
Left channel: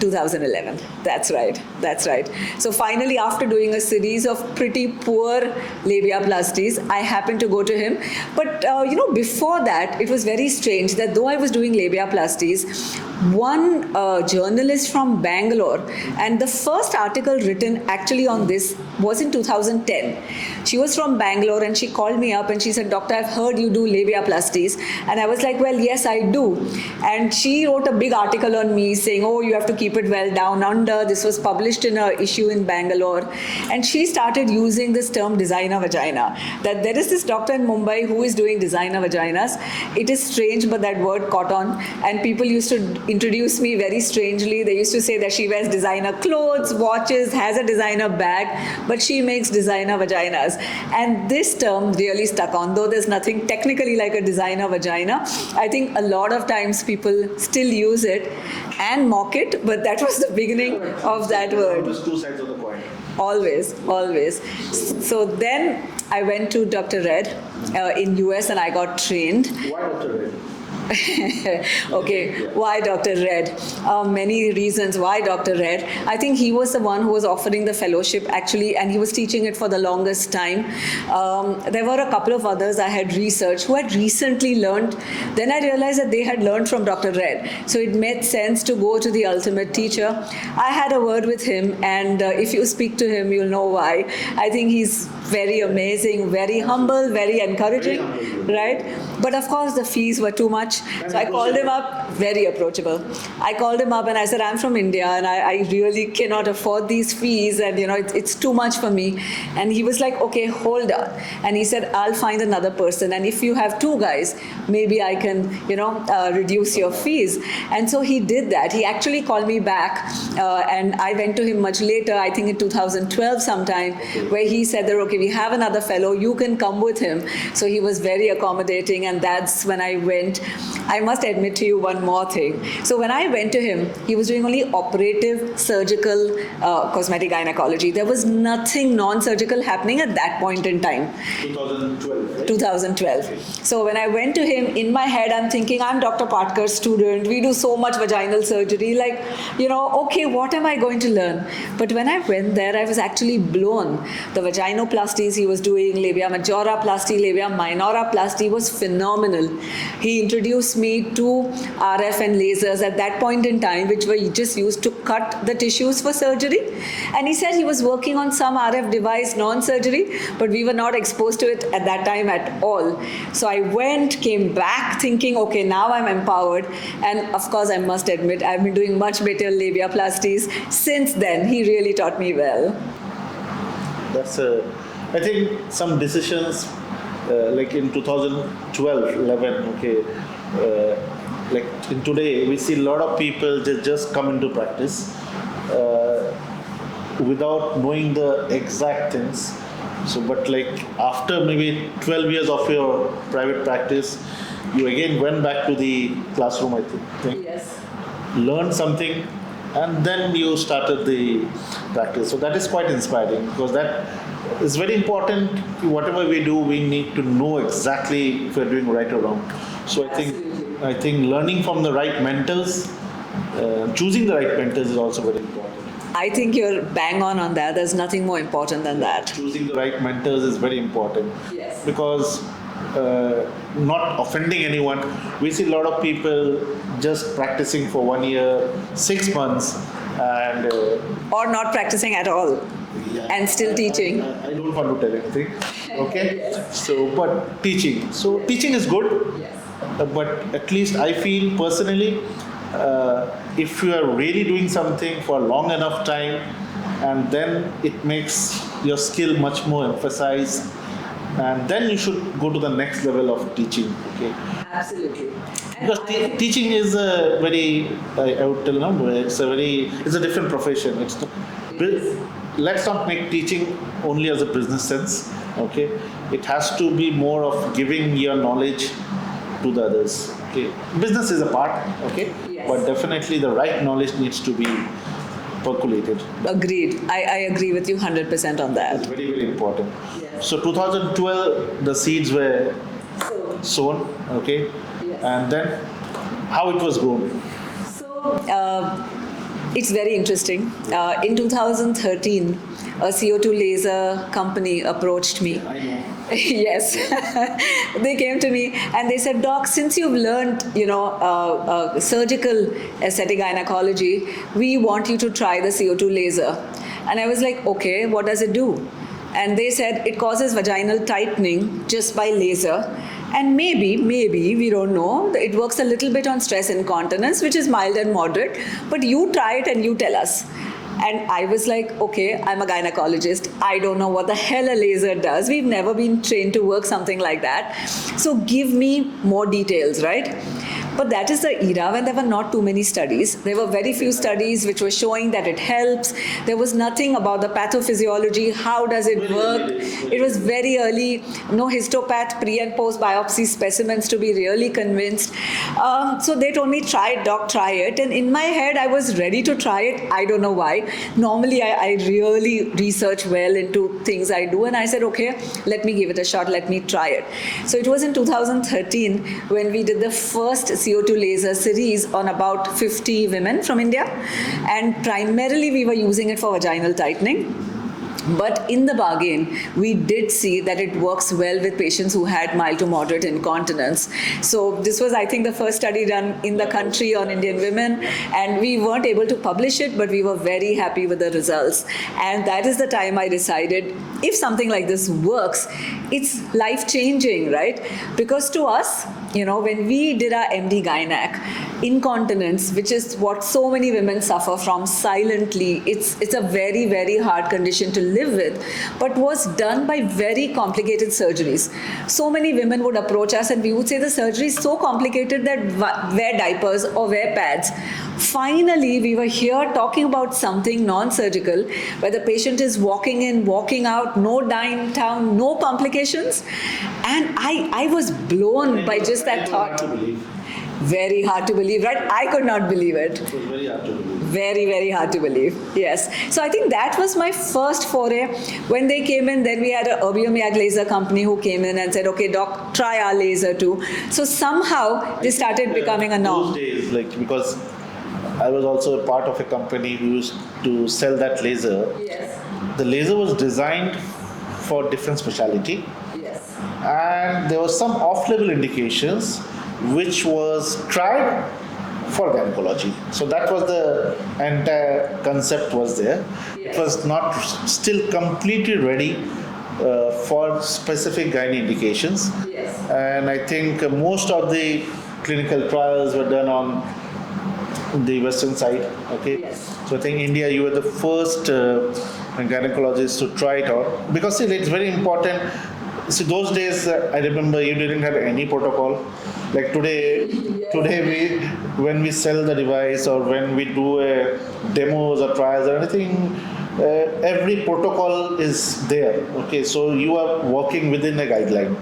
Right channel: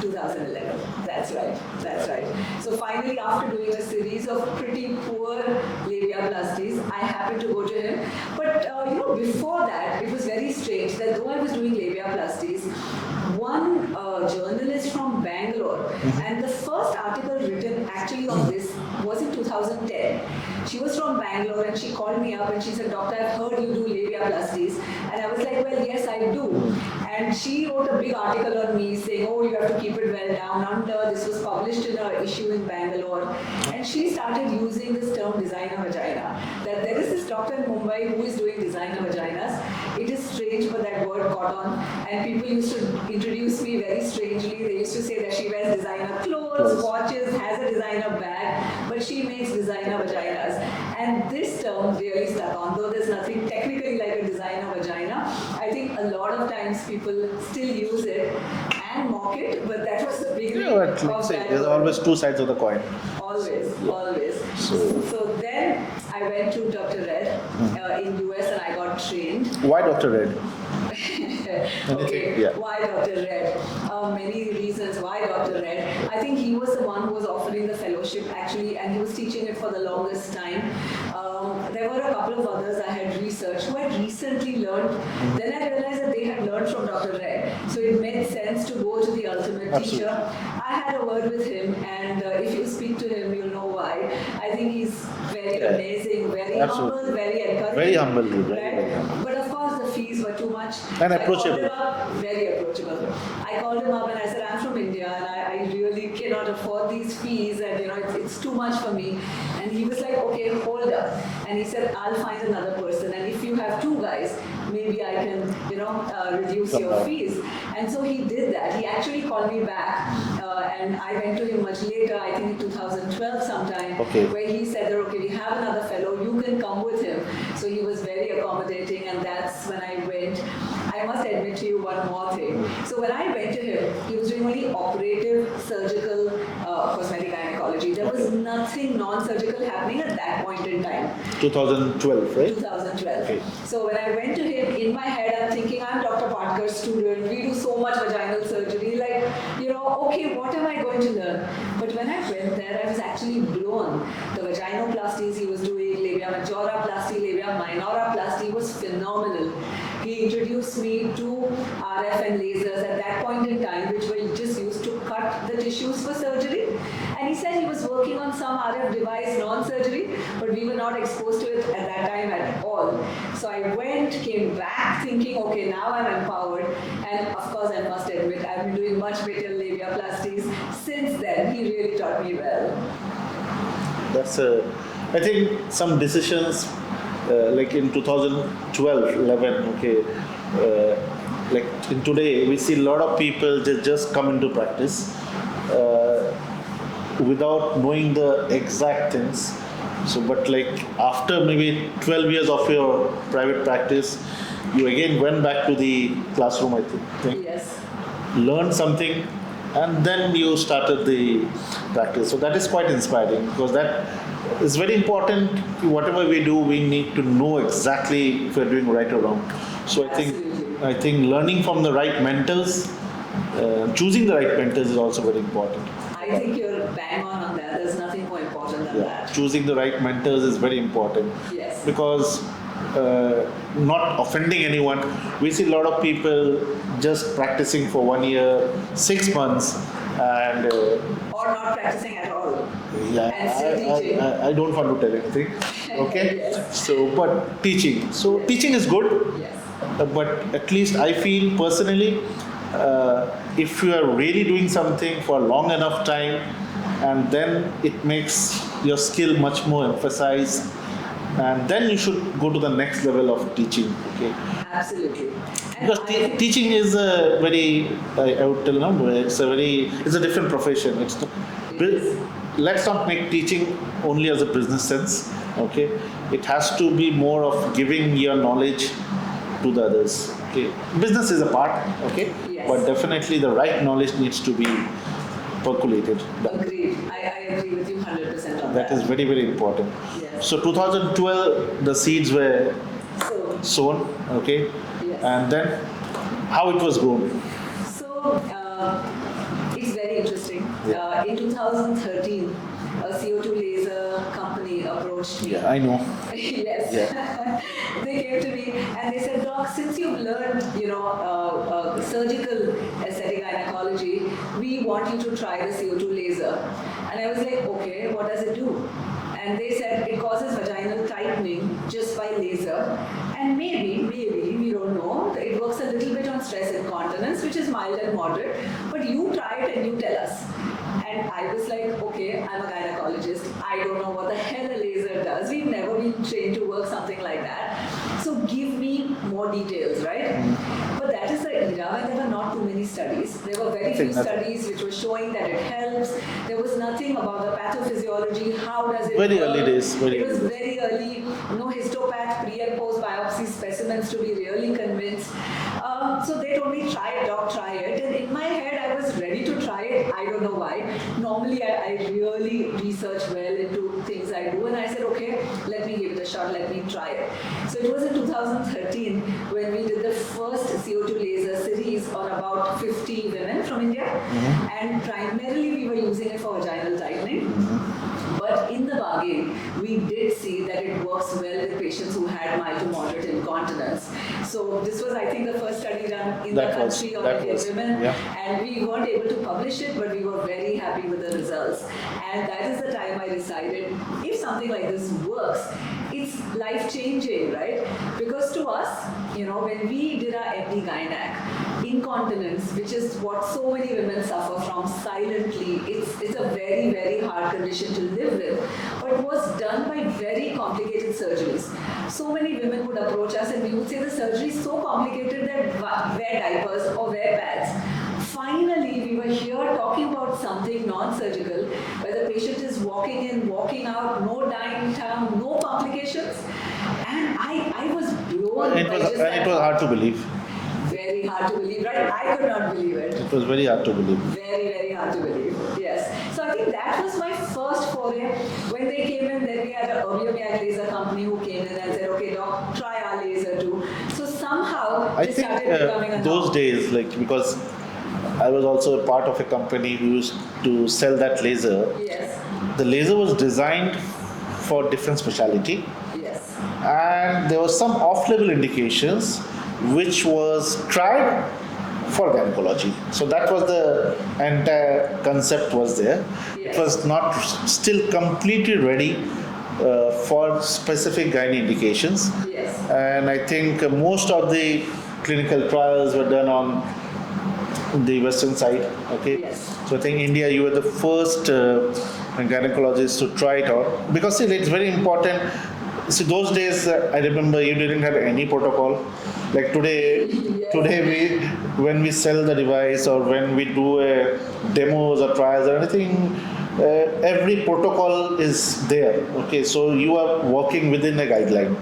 2011. That's right. That's right. So finally, after doing a series of pretty poor labiaplasties, I happened to go to him. But before that, it was very strange that though I was doing labiaplasties, one journalist from Bangalore, and the first article written actually on this was in 2010. She was from Bangalore and she called me up and she said, "Doctor, I've heard you do labiaplasties." And I was like, "Well, yes, I do." And she wrote a big article on me saying, "Oh, you have to keep it well down under." This was published in an issue in Bangalore. And she started using this term designer vagina, that there is this doctor in Mumbai who is doing designer vaginas. It is strange, but that word caught on. And people used to introduce me very strangely. They used to say that she wears designer clothes, watches, has a designer bag, but she makes designer vaginas. And this term really stuck on, though there's nothing technically like a designer vagina. I think a lot of times people still use it and mock it, but that was the beginning of that There's word. always two sides of the coin. Always, always. So then I went to Dr. Red in US and I got trained. Why Dr. Red? Okay, Yeah. why Dr. Red? Many reasons why Dr. Red. I think he was the one who was offering the fellowship actually, and he was teaching it for the longest time. There were a couple of others I had researched who had recently learned. Then I realized that they had learned from Dr. Red. So it made sense to go to the ultimate teacher. I had a word with him, and if you speak to him, you'll know why. I think he's very amazing, very humble, very encouraging. Very humble. Right? But of course, the fees were too much. And So I called him approachable. up, very approachable. I called him up and I said, "I'm from India and I really cannot afford these fees, and it's too much for me." And he was like, "Okay, hold on." And he said, "I'll find another person, and if you have two guys, maybe I can reduce your fees." And so he did that. He actually called me back, and I went to him much later, I think in 2012 sometime, where he said that, "Okay, we have another fellow, you can come with him." So he was very accommodating, and that's when I went. I must admit to you one more thing. So when I went to him, he was doing only operative, surgical, cosmetic gynecology. There was nothing non-surgical happening at that point in time. 2012, right? 2012. So when I went to him, in my head, I'm thinking, I'm Dr. Patkar's student. We do so much vaginal surgery. Like, okay, what am I going to learn? But when I went there, I was actually blown. The vaginoplasties he was doing, labia majoroplasty, labia minoroplasty was phenomenal. He introduced me to RF and lasers at that point in time, which were just used to cut the tissues for surgery. And he said he was working on some RF device, non-surgery, but we were not exposed to it at that time at all. So I went, came back thinking, okay, now I'm empowered. And of course, I must admit, I've been doing much better labiaplasties since then. He really taught me well. I think some decisions, like in 2012, 11, okay, like in today, we see a lot of people just come into practice without knowing the exact things. So, but like after maybe 12 years of your private practice, you again went back to the classroom, I think. Yes. Learned something, and then you started the practice. So that is quite inspiring, because that is very important. Whatever we do, we need to know exactly if we're doing right or wrong. So I think learning from the right mentors, choosing the right mentors is also very important. I think you're bang on that. There's nothing more important than that. Choosing the right mentors is very important. Yes. Because not offending anyone, we see a lot of people just practicing for 1 year, 6 months, and Or not practicing at all. yeah, And still teaching. I don't want to tell anything. Okay. Yes. So, but teaching. So teaching is good. Yes. But at least I feel personally, if you are really doing something for a long enough time, and then it makes your skill much more emphasized, and then you should go to the next level of teaching. Okay. Absolutely. And Because I think- teaching is a very, I would tell no, it's a different profession. Let's not make teaching only as a business sense. Okay, it has to be more of giving your knowledge to the others. Okay, business is a part. Okay, but definitely the right knowledge needs to be percolated. Agreed. I agree with you 100% on That is that. very, very important. Yes. So 2012, the seeds were So, sown, okay, yes. and then how it was grown. So, it's very interesting. In 2013, a CO2 laser company approached me. I know. Yes. They came to me and they said, Doc, since you've learned, surgical aesthetic gynecology, we want you to try the CO2 laser. And I was like, okay, what does it do? And they said it causes vaginal tightening just by laser. And maybe, we don't know, it works a little bit on stress incontinence, which is mild and moderate. But you try it and you tell us. And I was like, okay, I'm a gynecologist. I don't know what the hell a laser does. We've never been trained to work something like that. So give me more details, right? But that is the era when there were not too many studies. There were very few studies which were showing that it helps. There was nothing about the pathophysiology. How does it Very work? early days, very It was early. very early. No histopath pre and post biopsy specimens to be really convinced. So they told me, try it, doc, try it. And in my head, I was ready to try it. I don't know why. Normally, I really research well into things I do. And I said, okay, let me give it a shot. Let me try it. So it was in 2013 when we did the first CO2 laser series on about 50 women from India. And primarily, we were using it for vaginal tightening. But in the bargain, we did see that it works well with patients who had mild to moderate incontinence. So this was, I think, the first study done in the country on Indian women. Yeah. And we weren't able to publish it, but we were very happy with the results. And that is the time I decided, if something like this works, it's life-changing, right? Because to us, when we did our MD Gynac, incontinence, which is what so many women suffer from silently, it's a very, very hard condition to live with, but was done by very complicated surgeries. So many women would approach us and we would say the surgery is so complicated that wear diapers or wear pads. Finally, we were here talking about something non-surgical, where the patient is walking in, walking out, no dying town, no complications. And I was blown by just that It was thought. hard to believe. Very hard to believe, right? I could not believe it. It was very hard to believe. Very, very hard to believe. Yes. So I think that was my first foray. When they came in, then we had a Erbium laser company who came in and said, okay, doc, try our laser too. So somehow this started becoming a norm. Those days, because I was also a part of a company who used to sell that laser. Yes. The laser was designed for different specialty, Yes. and there was some off-label indications which was tried for gynecology. So that was the entire concept was there. Yes. It was not still completely ready for specific gynae indications. Yes. And I think most of the clinical trials were done on the western side. Okay. Yes. So I think India, you were the first gynecologist to try it out, because see, it's very important. See, those days, I remember you didn't have any protocol. Like today, when we sell the device or when we do demos or trials or anything, every protocol is there. Okay, so you are working within a guideline.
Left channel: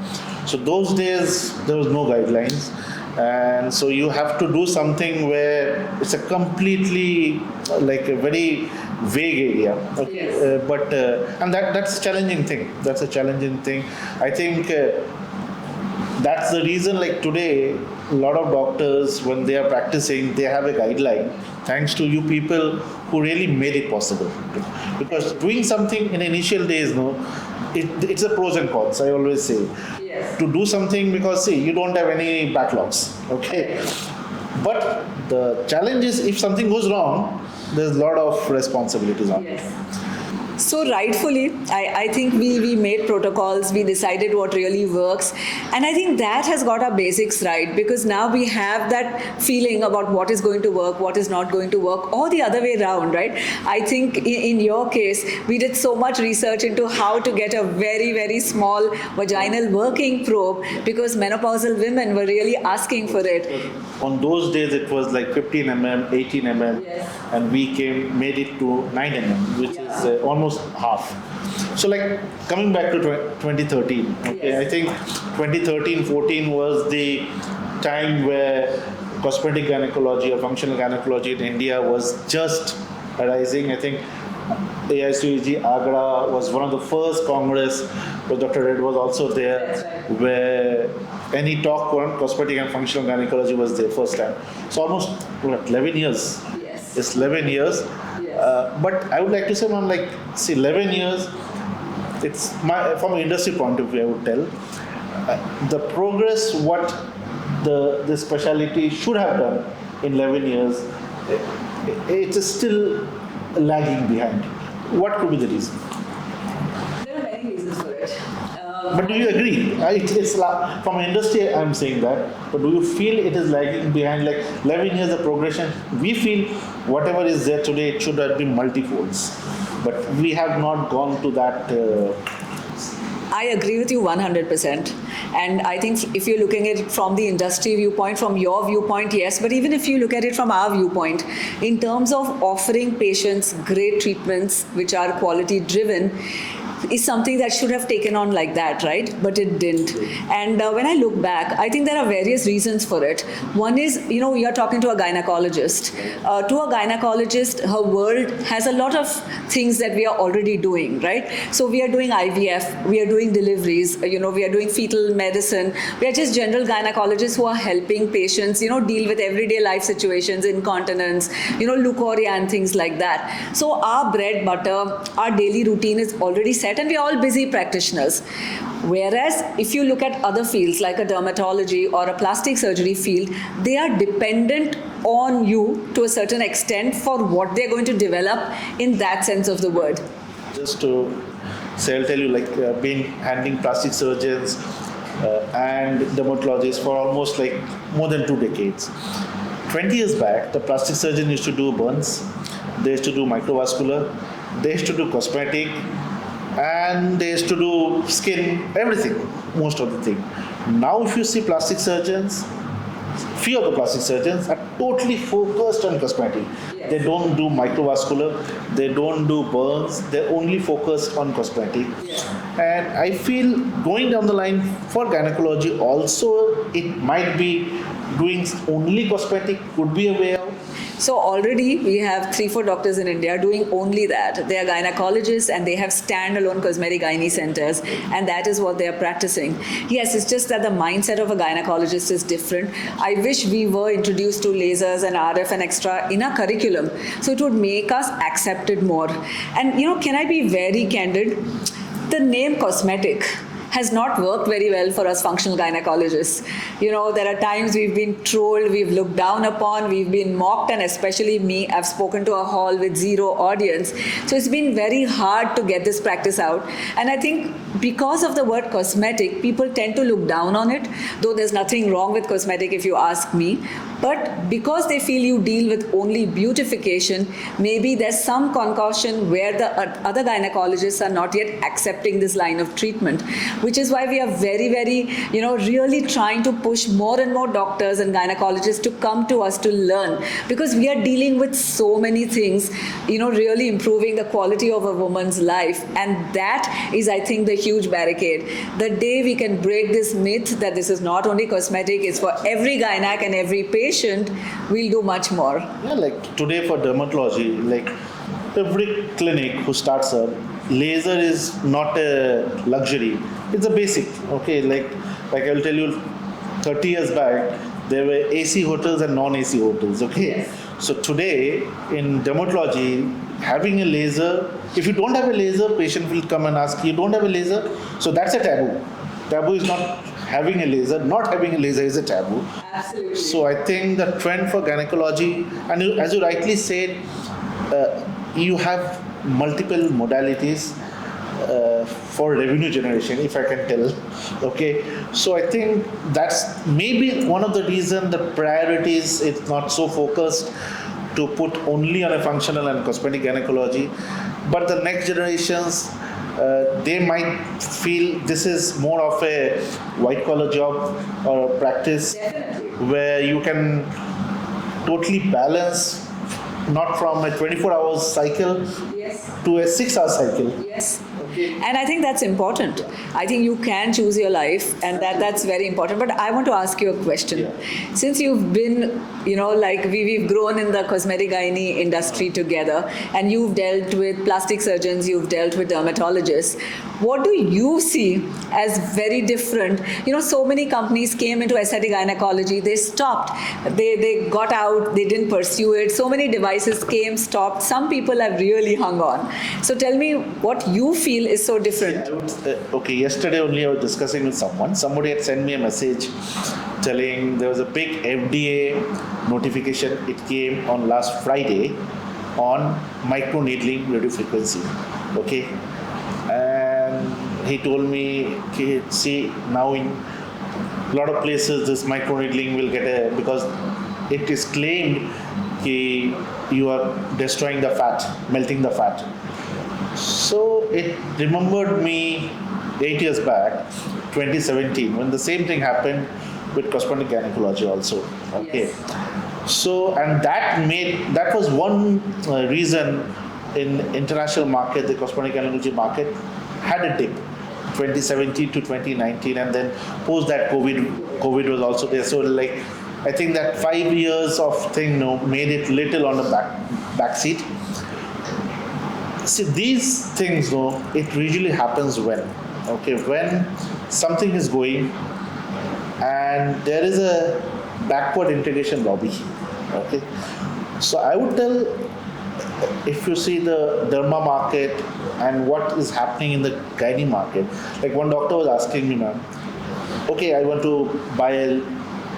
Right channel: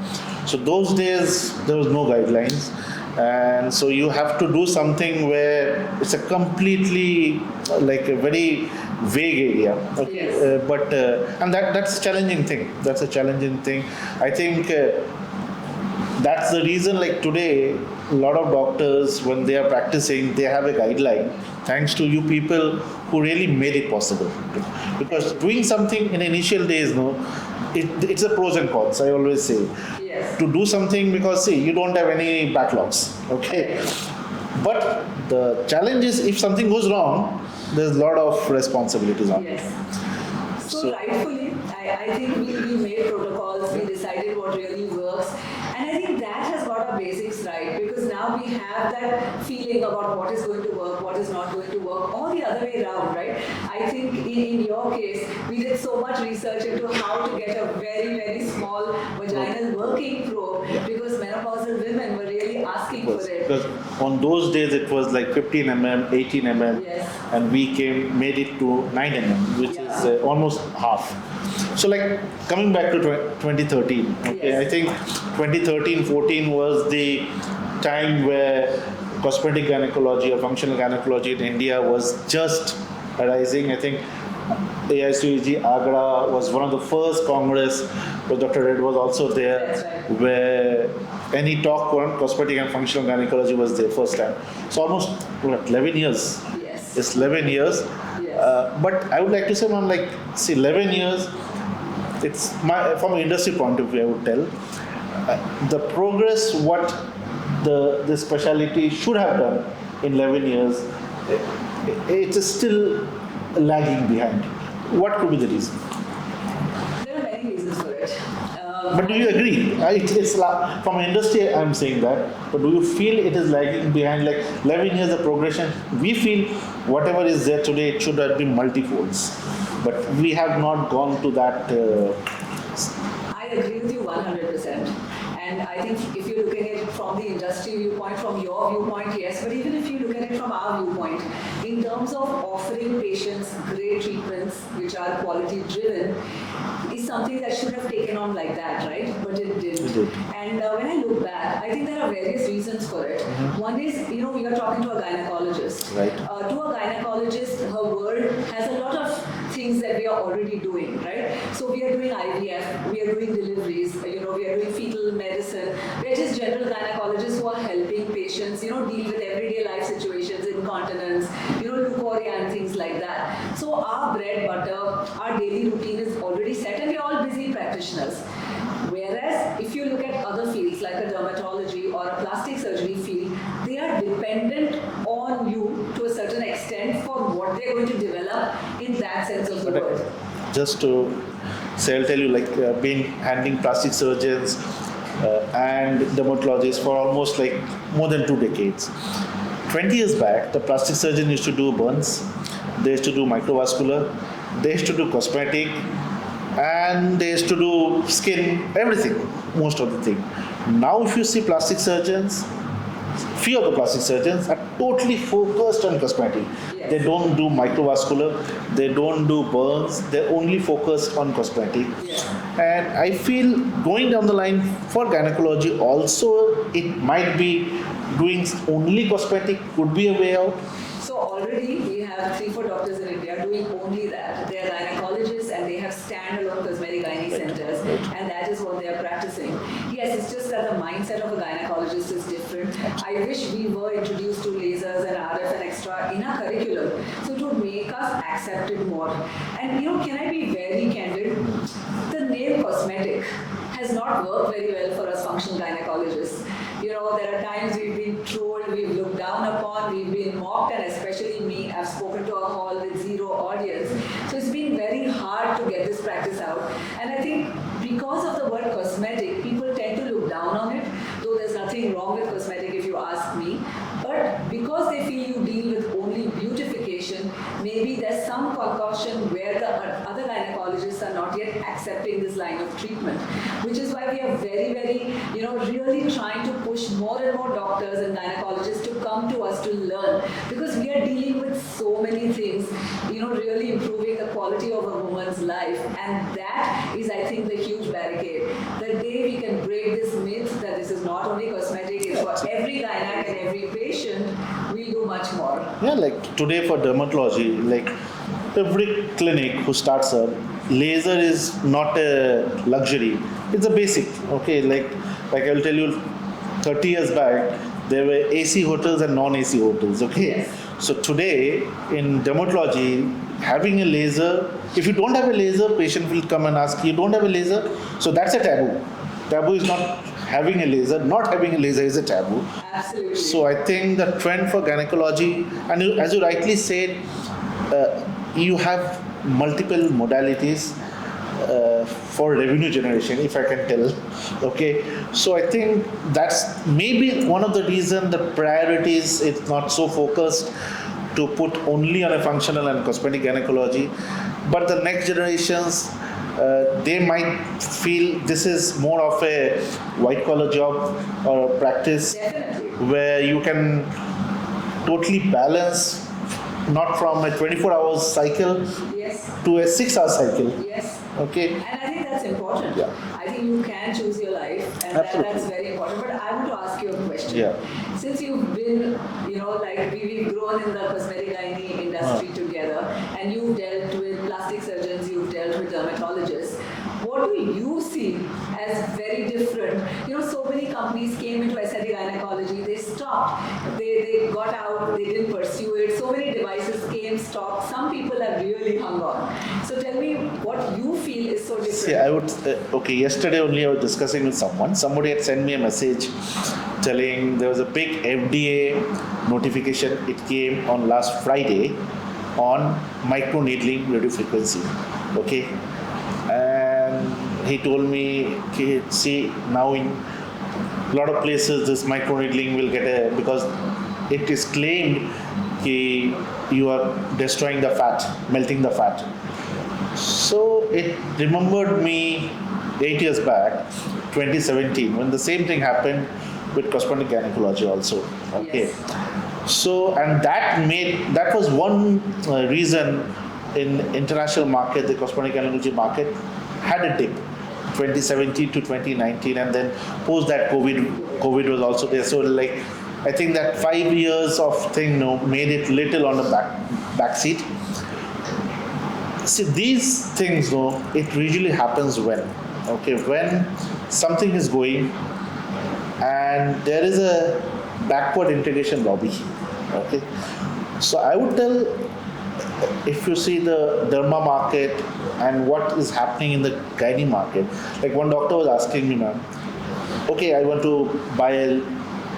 So those days, there was no guidelines. And so you have to do something where it's a completely like a very vague area. Okay. Yes. And that's a challenging thing. That's a challenging thing. I think that's the reason, like today, a lot of doctors, when they are practicing, they have a guideline, thanks to you people who really made it possible. Because doing something in initial days, it's a pros and cons, I always say. Yes. To do something, because see, you don't have any backlogs, okay? But the challenge is, if something goes wrong, there's a lot of responsibilities on it. Yes. So rightfully, I think we made protocols, we decided what really works, and I think that has got our basics right, because now we have that feeling about what is going to work, what is not going to work, or the other way around, right? I think in your case, we did so much research into how to get a very, very small vaginal working probe, because menopausal women were really asking for it. Because on those days, it was like 15 mm, 18 mm, Yes. and we made it to 9 mm, which is almost half. So like coming back to 2013, okay, Yes. I think 2013-14 was the time where cosmetic gynecology or functional gynecology in India was just arising. I think AICG Agra was one of the first congress where Dr. Red was also there, That's right. where any talk on cosmetic and functional gynecology was there first time. So almost what, 11 years. Yes. It's 11 years. Yes. But I would like to say, ma'am, like, see, 11 years, it's from an industry point of view, I would tell, the progress what the specialty should have done in 11 years, it is still lagging behind. What could be the reason? There are many reasons for it. But do you agree? From industry, I'm saying that. But do you feel it is lagging behind? Like 11 years of progression, we feel whatever is there today, it should have been multifolds. But we have not gone to that. I agree with you 100%. And I think if you're looking at it from the industry viewpoint, from your viewpoint, yes. But even if you look at it from our viewpoint, in terms of offering patients great treatments which are quality driven, is something that should have taken on like that, right? But it didn't. And when I look back, I think there are various reasons for it. One is, you're talking to a gynecologist. To a gynecologist, her world has a lot of things that we are already doing, right? So we are doing IVF, we are doing deliveries, we are doing fetal medicine. We are just general gynecologists who are helping patients, deal with everyday life situations, incontinence, leukorrhea and things like that. So our bread, butter, our daily routine is already set and we're all busy practitioners. Whereas if you look at other fields like a dermatology or a plastic surgery field, they are dependent on you to a certain extent for what they're going to develop in that sense of the word. Just to say, I'll tell you, like handling plastic surgeons and dermatologists for almost like more than 2 decades. 20 years back, the plastic surgeon used to do burns, they used to do microvascular, they used to do cosmetic, and they used to do skin, everything, most of the thing. Now if you see plastic surgeons, few of the plastic surgeons are totally focused on cosmetic. Yes. They don't do microvascular, they don't do burns, they're only focused on cosmetic. Yes. And I feel going down the line for gynecology also, it might be doing only cosmetic could be a way out. So already we have 3-4 doctors in India doing only that. They are gynecologists and they have standalone cosmetic gynae centers, and that is what they are practicing. Yes, it's just that the mindset of a gynecologist is different. I wish we were introduced to lasers and RF and extra in our curriculum, so it would make us accept it more. And can I be very candid? The name cosmetic has not worked very well for us functional gynecologists. There are times we've been trolled, we've looked down upon, we've been mocked, and especially me, I've spoken to a hall with 0 audience. So it's been very hard to get this practice out. And I think because of the word cosmetic, people tend to look down on it, though there's nothing wrong with cosmetic if you ask me. But because they feel you deal with only beautification, maybe there's some concoction where the other gynecologists are not yet accepting this line of treatment, which is why we are very, very, really trying to push more and more doctors and gynecologists to come to us to learn, because we are dealing with so many things, really improving the quality of a woman's life. And that is, I think, the huge barricade. The day we can break this myth that this is not only cosmetic, it's for every gynac and every patient, we'll do much more. Yeah, like today for dermatology, like every clinic who starts up, laser is not a luxury, it's a basic. Okay, like I will tell you, 30 years back there were AC hotels and non-AC hotels. Okay, Yes. So today in dermatology, having a laser, if you don't have a laser, patient will come and ask, you don't have a laser, so that's a taboo. Taboo is not having a laser. Not having a laser is a taboo. Absolutely. So I think the trend for gynecology, and as you rightly said, you have multiple modalities for revenue generation, if I can tell. Okay, so I think that's maybe one of the reasons the priorities it's not so focused to put only on a functional and cosmetic gynecology, but the next generations they might feel this is more of a white collar job or a practice Definitely. where you can totally balance not from a 24 hours cycle Yes. to a 6 hour cycle. Yes. Okay. And I think that's important. I think you can choose your life, and that's very important. But I want to ask you a question. Yeah. Since you've been, like we've grown in the cosmetic gynae industry together, and you've dealt with plastic surgeons, you've dealt with dermatologists, what do you see as very different? So many companies came into aesthetic gynecology, they stopped, they got out, they didn't pursue it. So many devices came, stopped. Some people have really hung on. So tell me what you feel is so different. Yeah, I would. Yesterday only I was discussing with someone. Somebody had sent me a message telling there was a big FDA notification. It came on last Friday on microneedling radiofrequency. Okay, and he told me, okay, see now in a lot of places this microneedling will get a, because it is claimed that you are destroying the fat, melting the fat. So it remembered me 8 years back, 2017, when the same thing happened with cosmetic gynecology also. Okay. Yes. So, and that was one reason in international market, the cosmetic gynecology market had a dip, 2017 to 2019, and then post that COVID was also there. So like, I think that 5 years of thing made it little on the back seat. See, these things, it usually happens when something is going and there is a backward integration lobby. Okay, so I would tell, if you see the derma market and what is happening in the gynae market, like one doctor was asking me, ma'am, okay, I want to buy a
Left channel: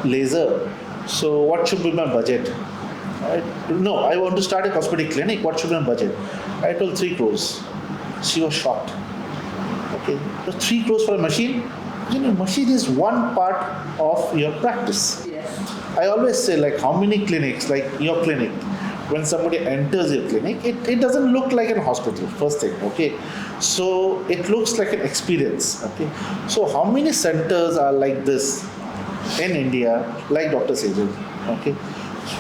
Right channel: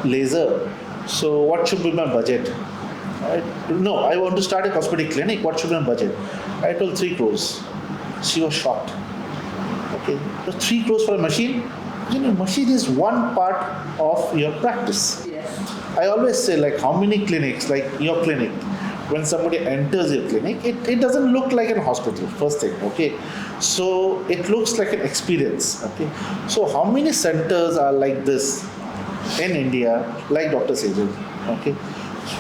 laser, so what should be my budget? No, I want to start a cosmetic clinic. What should be my budget? I told 3 crores. She was shocked. Okay, so 3 crores for a machine? Machine is one part of your practice. Yes. I always say, like, how many clinics, like your clinic, when somebody enters your clinic, it doesn't look like a hospital, first thing, okay? So it looks like an experience, okay? So how many centers are like this in India, like Dr. Sejal, okay?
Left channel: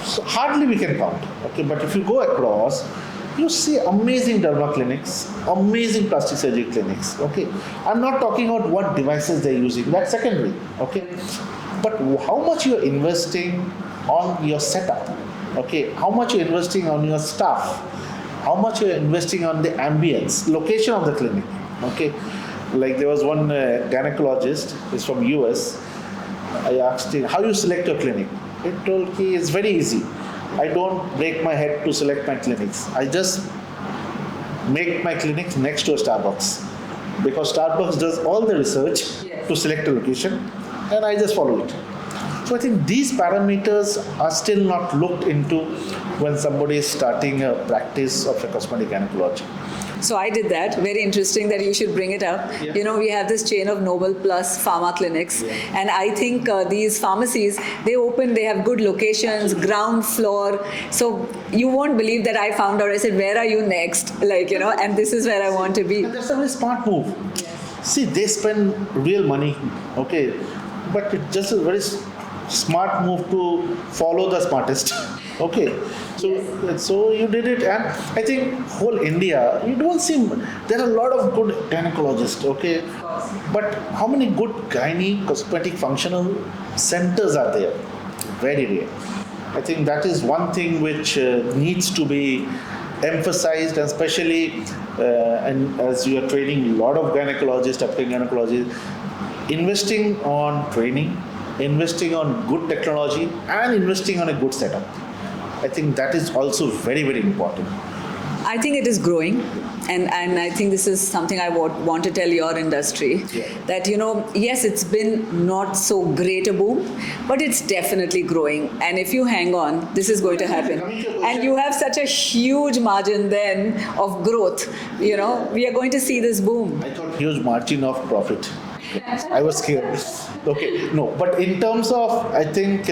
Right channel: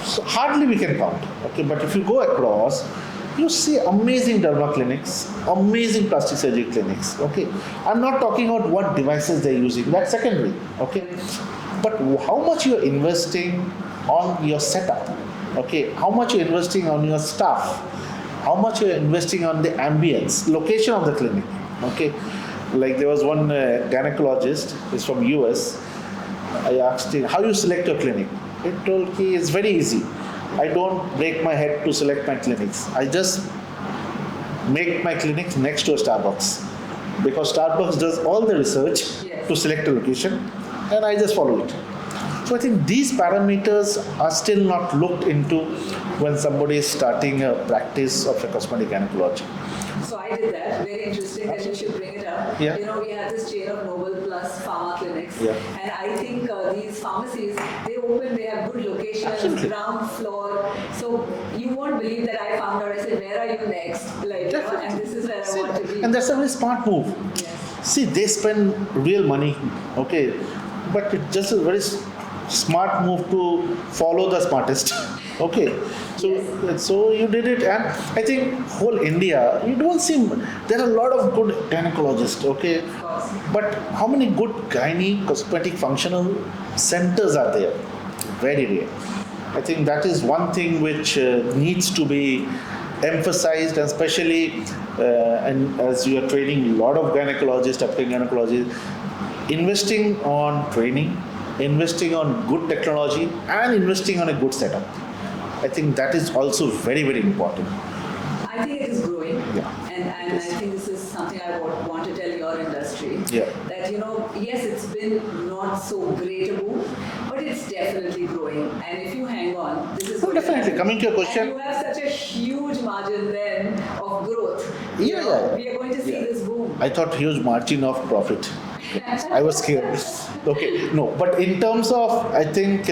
So hardly we can count, okay? But if you go across, you see amazing derma clinics, amazing plastic surgery clinics, okay? I'm not talking about what devices they're using, that's secondary, okay? But how much you're investing on your setup, okay? How much you're investing on your staff, how much you're investing on the ambience, location of the clinic, okay? Like there was one gynecologist, he's from US, I asked him, how you select your clinic? He told me, it's very easy. I don't break my head to select my clinics. I just make my clinics next to a Starbucks, because Starbucks does all the research to select a location, and I just follow it. So I think these parameters are still not looked into when somebody is starting a practice of a cosmetic gynecology. So I did that. Very interesting that you should bring it up. Yeah. We have this chain of Noble Plus pharma clinics, Yeah. and I think these pharmacies, they have good locations, Absolutely. ground floor. So you won't believe that I found out. I said, where are you next? And this is where I want to be. And that's a very smart move. Yes. See, they spend real money, okay, but it's just a very smart move to follow the smartest. Okay, so you did it, and I think whole India, you don't see, there are a lot of good gynecologists, okay, but how many good gynae cosmetic functional centers are there? Very rare. I think that is one thing which needs to be emphasized, and especially and as you are training a lot of gynecologists, applying gynecologists, investing on training, investing on good technology, and investing on a good setup. I think that is also very, very important. I think it is growing, and I think this is something I want to tell your industry, Yeah. that yes, it's been not so great a boom, but it's definitely growing, and if you hang on, this is going to Definitely. happen. Coming to your question. And you have such a huge margin then of growth. Yeah. We are going to see this boom. I thought huge margin of profit. I was scared. Okay, no, but in terms of, I think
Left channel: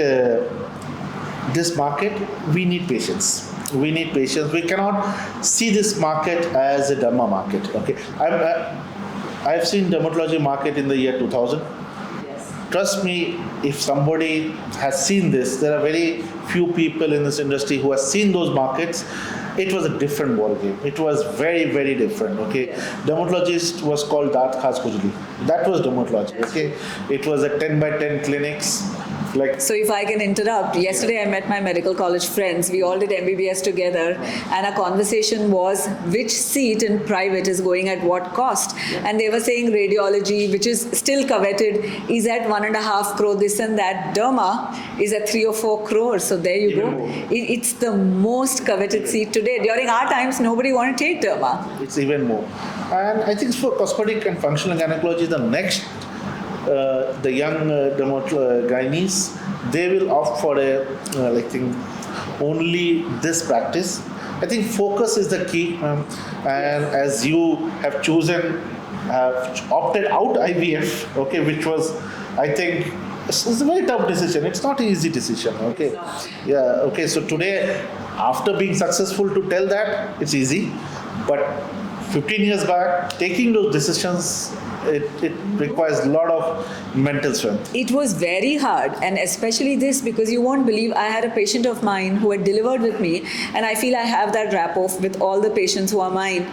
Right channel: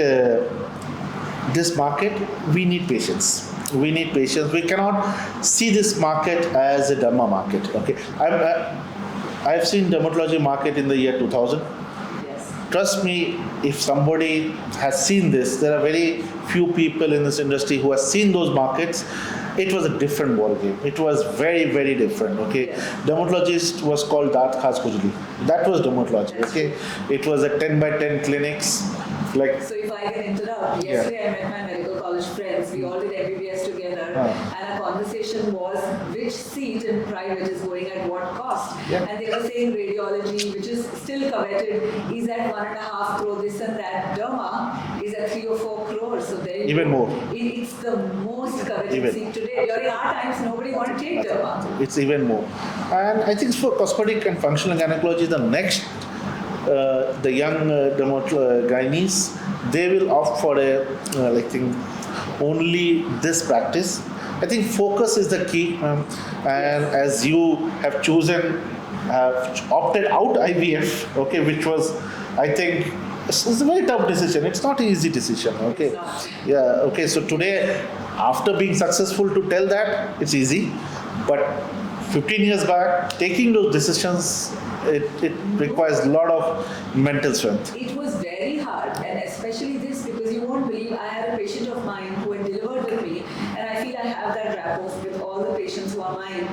this market, we need patience. We need patience. We cannot see this market as a derma market. Okay, I've seen dermatology market in the year 2000. Yes. trust me, if somebody has seen this, there are very few people in this industry who have seen those markets. It was a different ball game. It was very, very different. Okay, dermatologist was called Daat Khas Khujli. That was dermatology. Okay, it was a 10 by 10 clinics. Like, So if I can interrupt, yesterday I met my medical college friends. We all did MBBS together, and our conversation was which seat in private is going at what cost. And they were saying radiology, which is still coveted, is at 1.5 crore. This and that. Derma is at 3 or 4 crores. So there you Even go. more. It's the most coveted Even. seat today. During our times, nobody wanted to take derma. it's even more. And I think for cosmetic and functional gynecology, the next, the young gynaes, they will opt for a, I think, only this practice. I think focus is the key, and as you have chosen, opted out IVF, okay, which was, I think, it's a very tough decision. It's not an easy decision, okay. It's not. Yeah, okay. So today, after being successful, to tell that it's easy, but 15 years back, taking those decisions, it requires a lot of mental strength. It was very hard, and especially this because you won't believe I had a patient of mine who had delivered with me, and I feel I have that rapport with all the patients who are mine,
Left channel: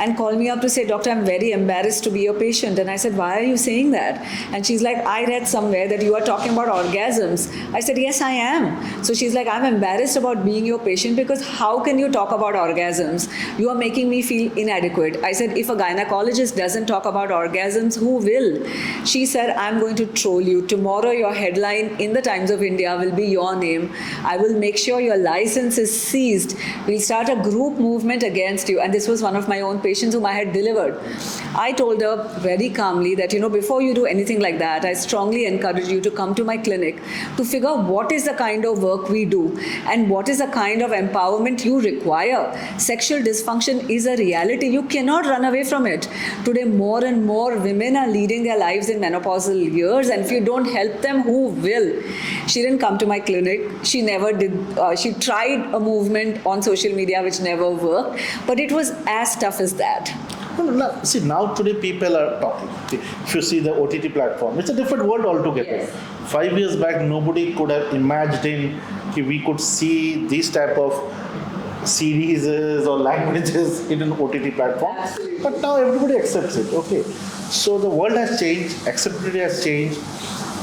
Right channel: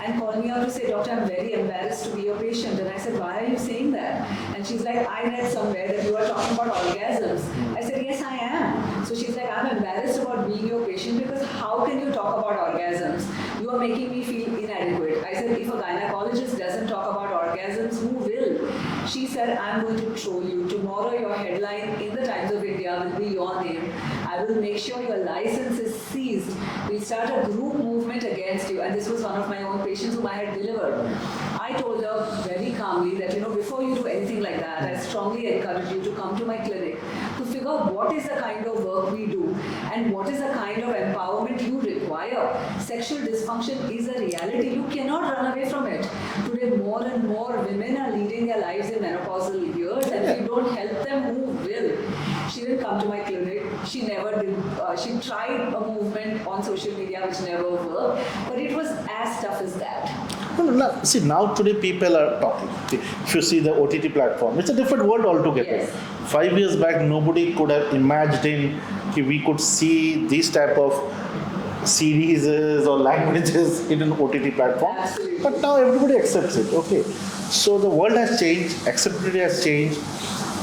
and called me up to say, Doctor, I'm very embarrassed to be your patient. And I said, why are you saying that? And she's like, I read somewhere that you are talking about orgasms. I said, yes, I am. So she's like, I'm embarrassed about being your patient because how can you talk about orgasms? You are making me feel inadequate. I said, if a gynecologist doesn't talk about orgasms, who will? She said, I'm going to troll you. Tomorrow your headline in the Times of India will be your name. I will make sure your license is seized. We'll start a group movement against you. And this was one of my own patients whom I had delivered. I told her very calmly that, before you do anything like that, I strongly encourage you to come to my clinic to figure out what is the kind of work we do and what is the kind of empowerment you require. Sexual dysfunction is a reality. You cannot run away from it. Today, more and more women are leading their lives in menopausal years, and if you don't help them, who will? She didn't come to my clinic. She never did. She tried a movement on social media which never worked, but it was as tough as that. No, see, now today people are talking. If you see the OTT platform, it's a different world altogether. Yes. 5 years back, nobody could have imagined that we could see these type of series or languages in an OTT platform. Absolutely. But now everybody accepts it. Okay, so the world has changed, acceptability has changed,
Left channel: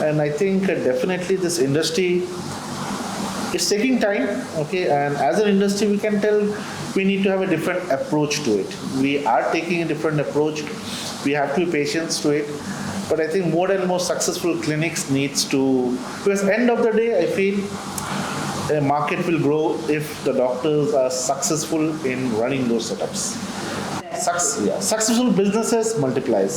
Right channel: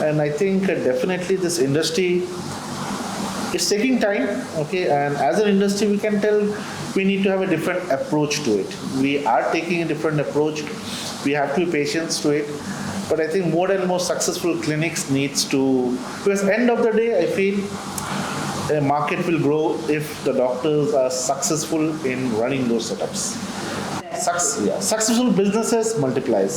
and I think definitely this industry is taking time. Okay, and as an industry, we can tell we need to have a different approach to it. We are taking a different approach. We have to be patient to it. But I think more and more successful clinics needs to, because end of the day, I feel a market will grow if the doctors are successful in running those setups. Successful businesses multiplies.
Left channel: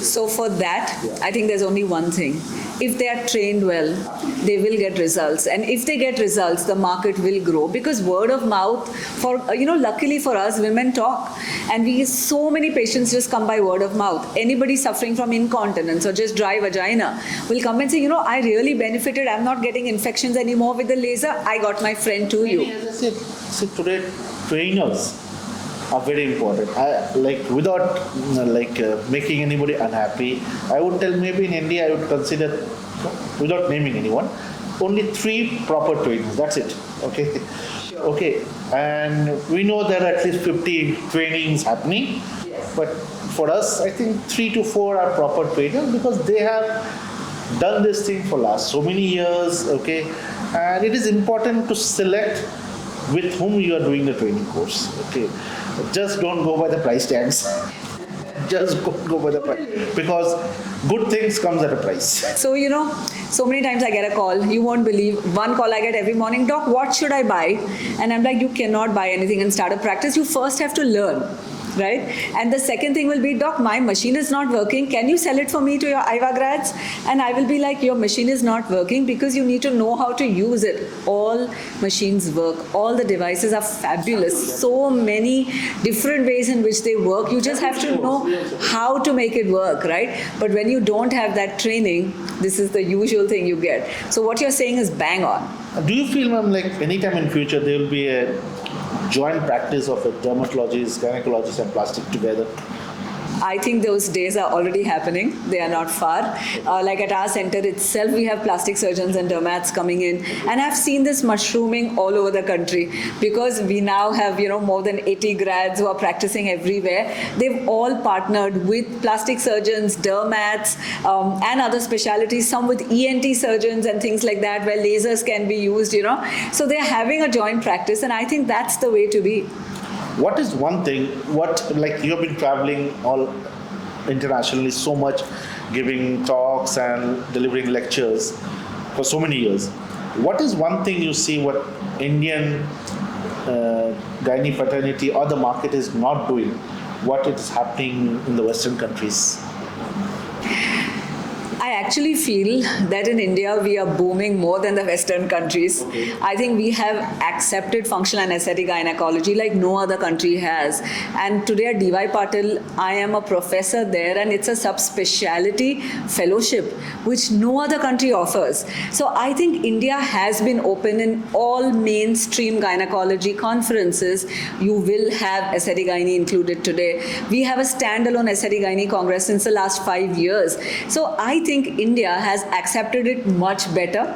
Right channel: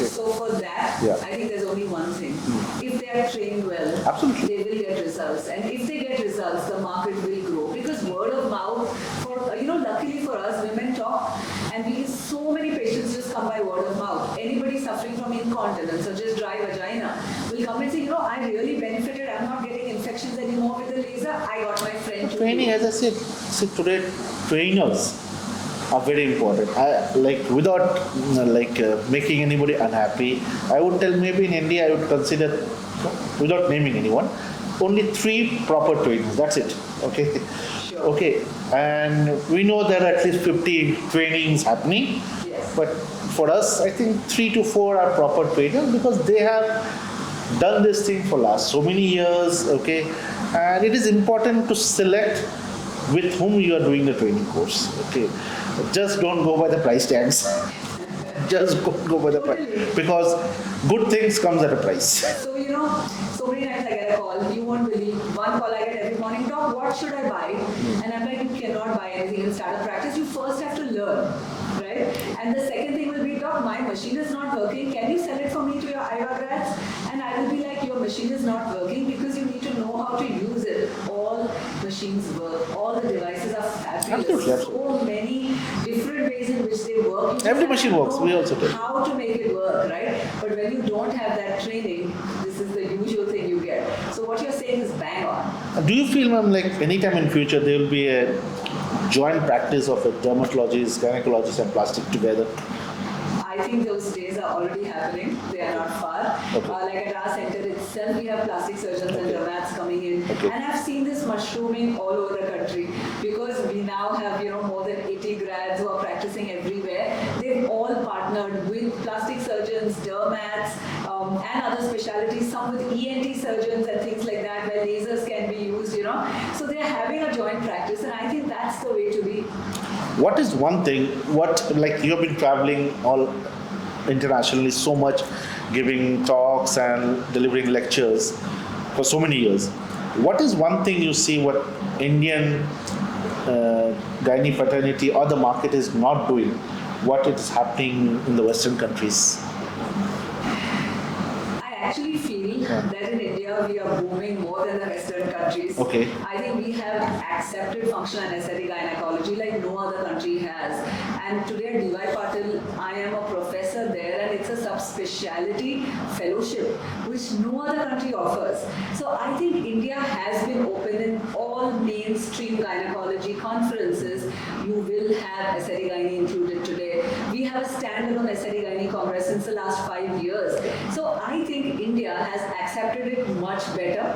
So for that, Yeah. I think there's only one thing. If they are trained well, Absolutely. they will get results. And if they get results, the market will grow. Because word of mouth, luckily for us, women talk. And so many patients just come by word of mouth. Anybody suffering from incontinence or just dry vagina will come and say, I really benefited. I'm not getting infections anymore with the laser. I got my friend to Training, you. as I said, see today trainers are very important. Without making anybody unhappy, I would tell maybe in India I would consider, without naming anyone, only 3 proper trainers. That's it. Okay. Sure. Okay. And we know there are at least 50 trainings happening. Yes. But for us, I think 3 to 4 are proper trainers because they have done this thing for last so many years. Okay. And it is important to select with whom you are doing the training course. Okay. Just don't go by the price tags. Just go by the price. Because good things comes at a price. So, so many times I get a call. You won't believe. One call I get every morning. Doc, what should I buy? And I'm like, you cannot buy anything and start a practice. You first have to learn. Right? And the second thing will be, Doc, my machine is not working. Can you sell it for me to your IVA grads? And I will be like, your machine is not working because you need to know how to use it. All machines work. All the devices are fabulous. So many different ways in which they work. You just Every have to machine works. We know also do. how to make it work, right? But when you don't have that training, this is the usual thing you get. So what you're saying is bang on. Do you feel, ma'am, like anytime in future there will be a joint practice of a dermatologist, gynecologist and plastic together? I think those days are already happening. They are not far. Like at our center itself, we have plastic surgeons and dermats coming in. And I've seen this mushrooming all over the country because we now have, more than 80 grads who are practicing everywhere. They've all partnered with plastic surgeons, dermats, and other specialties, some with ENT surgeons and things like that, where lasers can be used, So they're having a joint practice, and I think that's the way to be. What is one thing, like you have been traveling all internationally so much, giving talks and delivering lectures for so many years. What is one thing you see what Indian gynae fraternity or the market is not doing, what is happening in the Western countries? I actually feel that in India we are booming more than the Western countries. Okay. I think we have accepted functional and aesthetic gynecology like no other country has. And today at DY Patil, I am a professor there, and it's a subspecialty fellowship which no other country offers. So I think India has been open in all mainstream gynecology conferences. You will have aesthetic gynae included today. We have a standalone aesthetic gynae congress since the last 5 years. So I think India has accepted it much better.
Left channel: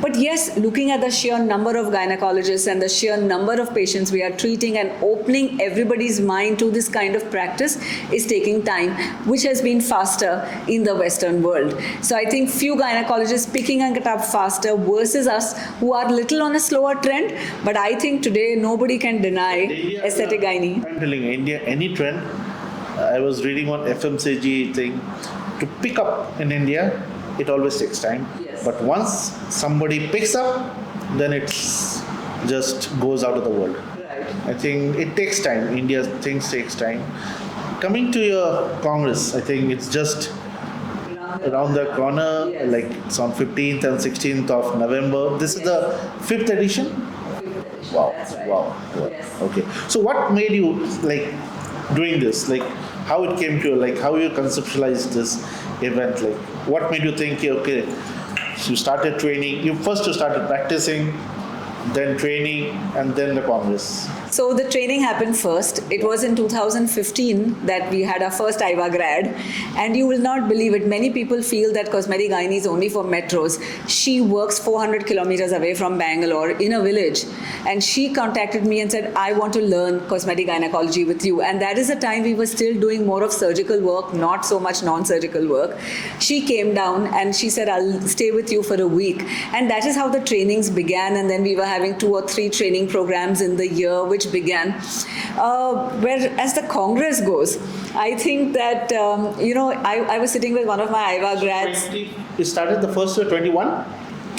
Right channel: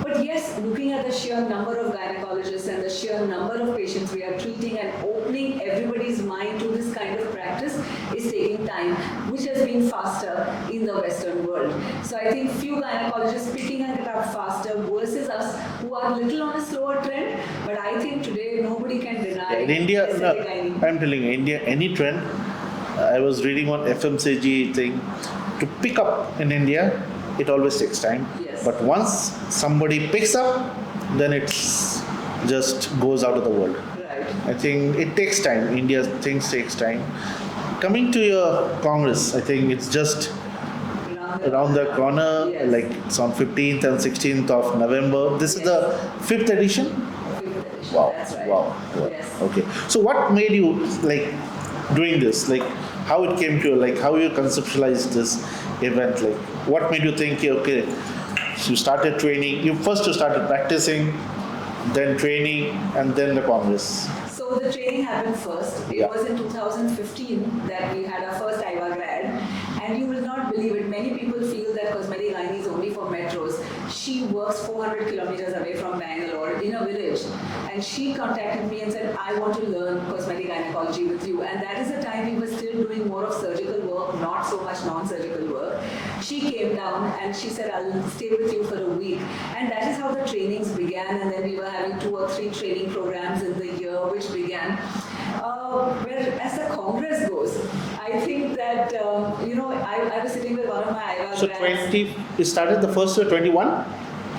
But yes, looking at the sheer number of gynecologists and the sheer number of patients we are treating and opening everybody's mind to this kind of practice is taking time, which has been faster in the Western world. So I think few gynecologists picking it up faster versus us who are little on a slower trend. But I think today nobody can deny India, aesthetic gynae. I'm telling you, India, any trend, I was reading on FMCG thing, to pick up in India, it always takes time. Yes. But once somebody picks up, then it's just goes out of the world. Right. I think it takes time. India things takes time. Coming to your Congress, I think it's just around the corner. Yes. Like it's on 15th and 16th of November. This is the 5th edition. Wow. That's right. Wow. Yes. Okay. So what made you like doing this? Like how it came to you? Like how you conceptualized this event? Like what made you think, okay, so you started training, you started practicing, then training, and then the Congress? So the training happened first. It was in 2015 that we had our first IVA grad. And you will not believe it, many people feel that cosmetic gynae is only for metros. She works 400 kilometers away from Bangalore in a village. And she contacted me and said, I want to learn cosmetic gynecology with you. And that is the time we were still doing more of surgical work, not so much non-surgical work. She came down and she said, I'll stay with you for a week. And that is how the trainings began. And then we were having 2 or 3 training programs in the year, which began. Where as the Congress goes, I think that, I was sitting with one of my IVA grads. 20, it started the first year, 21?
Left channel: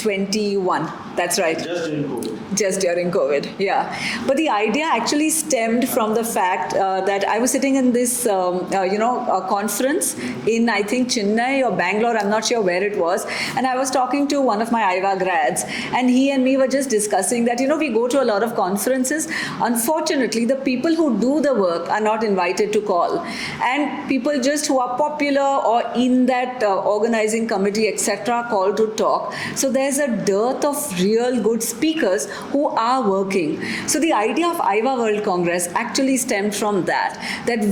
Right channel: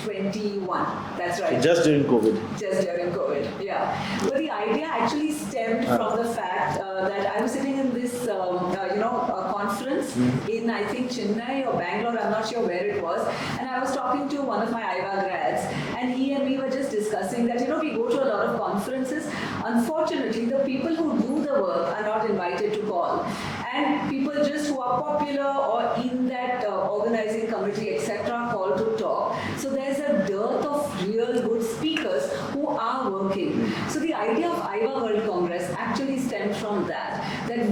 21. That's right. Just during COVID. Just during COVID, yeah. But the idea actually stemmed from the fact that I was sitting in this, a conference in, I think, Chennai or Bangalore, I'm not sure where it was. And I was talking to one of my IVA grads, and he and me were just discussing that, we go to a lot of conferences. Unfortunately, the people who do the work are not invited to call. And people just who are popular or in that organizing committee, etc., call to talk. So there's a dearth of real good speakers who are working. So the idea of IVA World Congress actually stemmed from that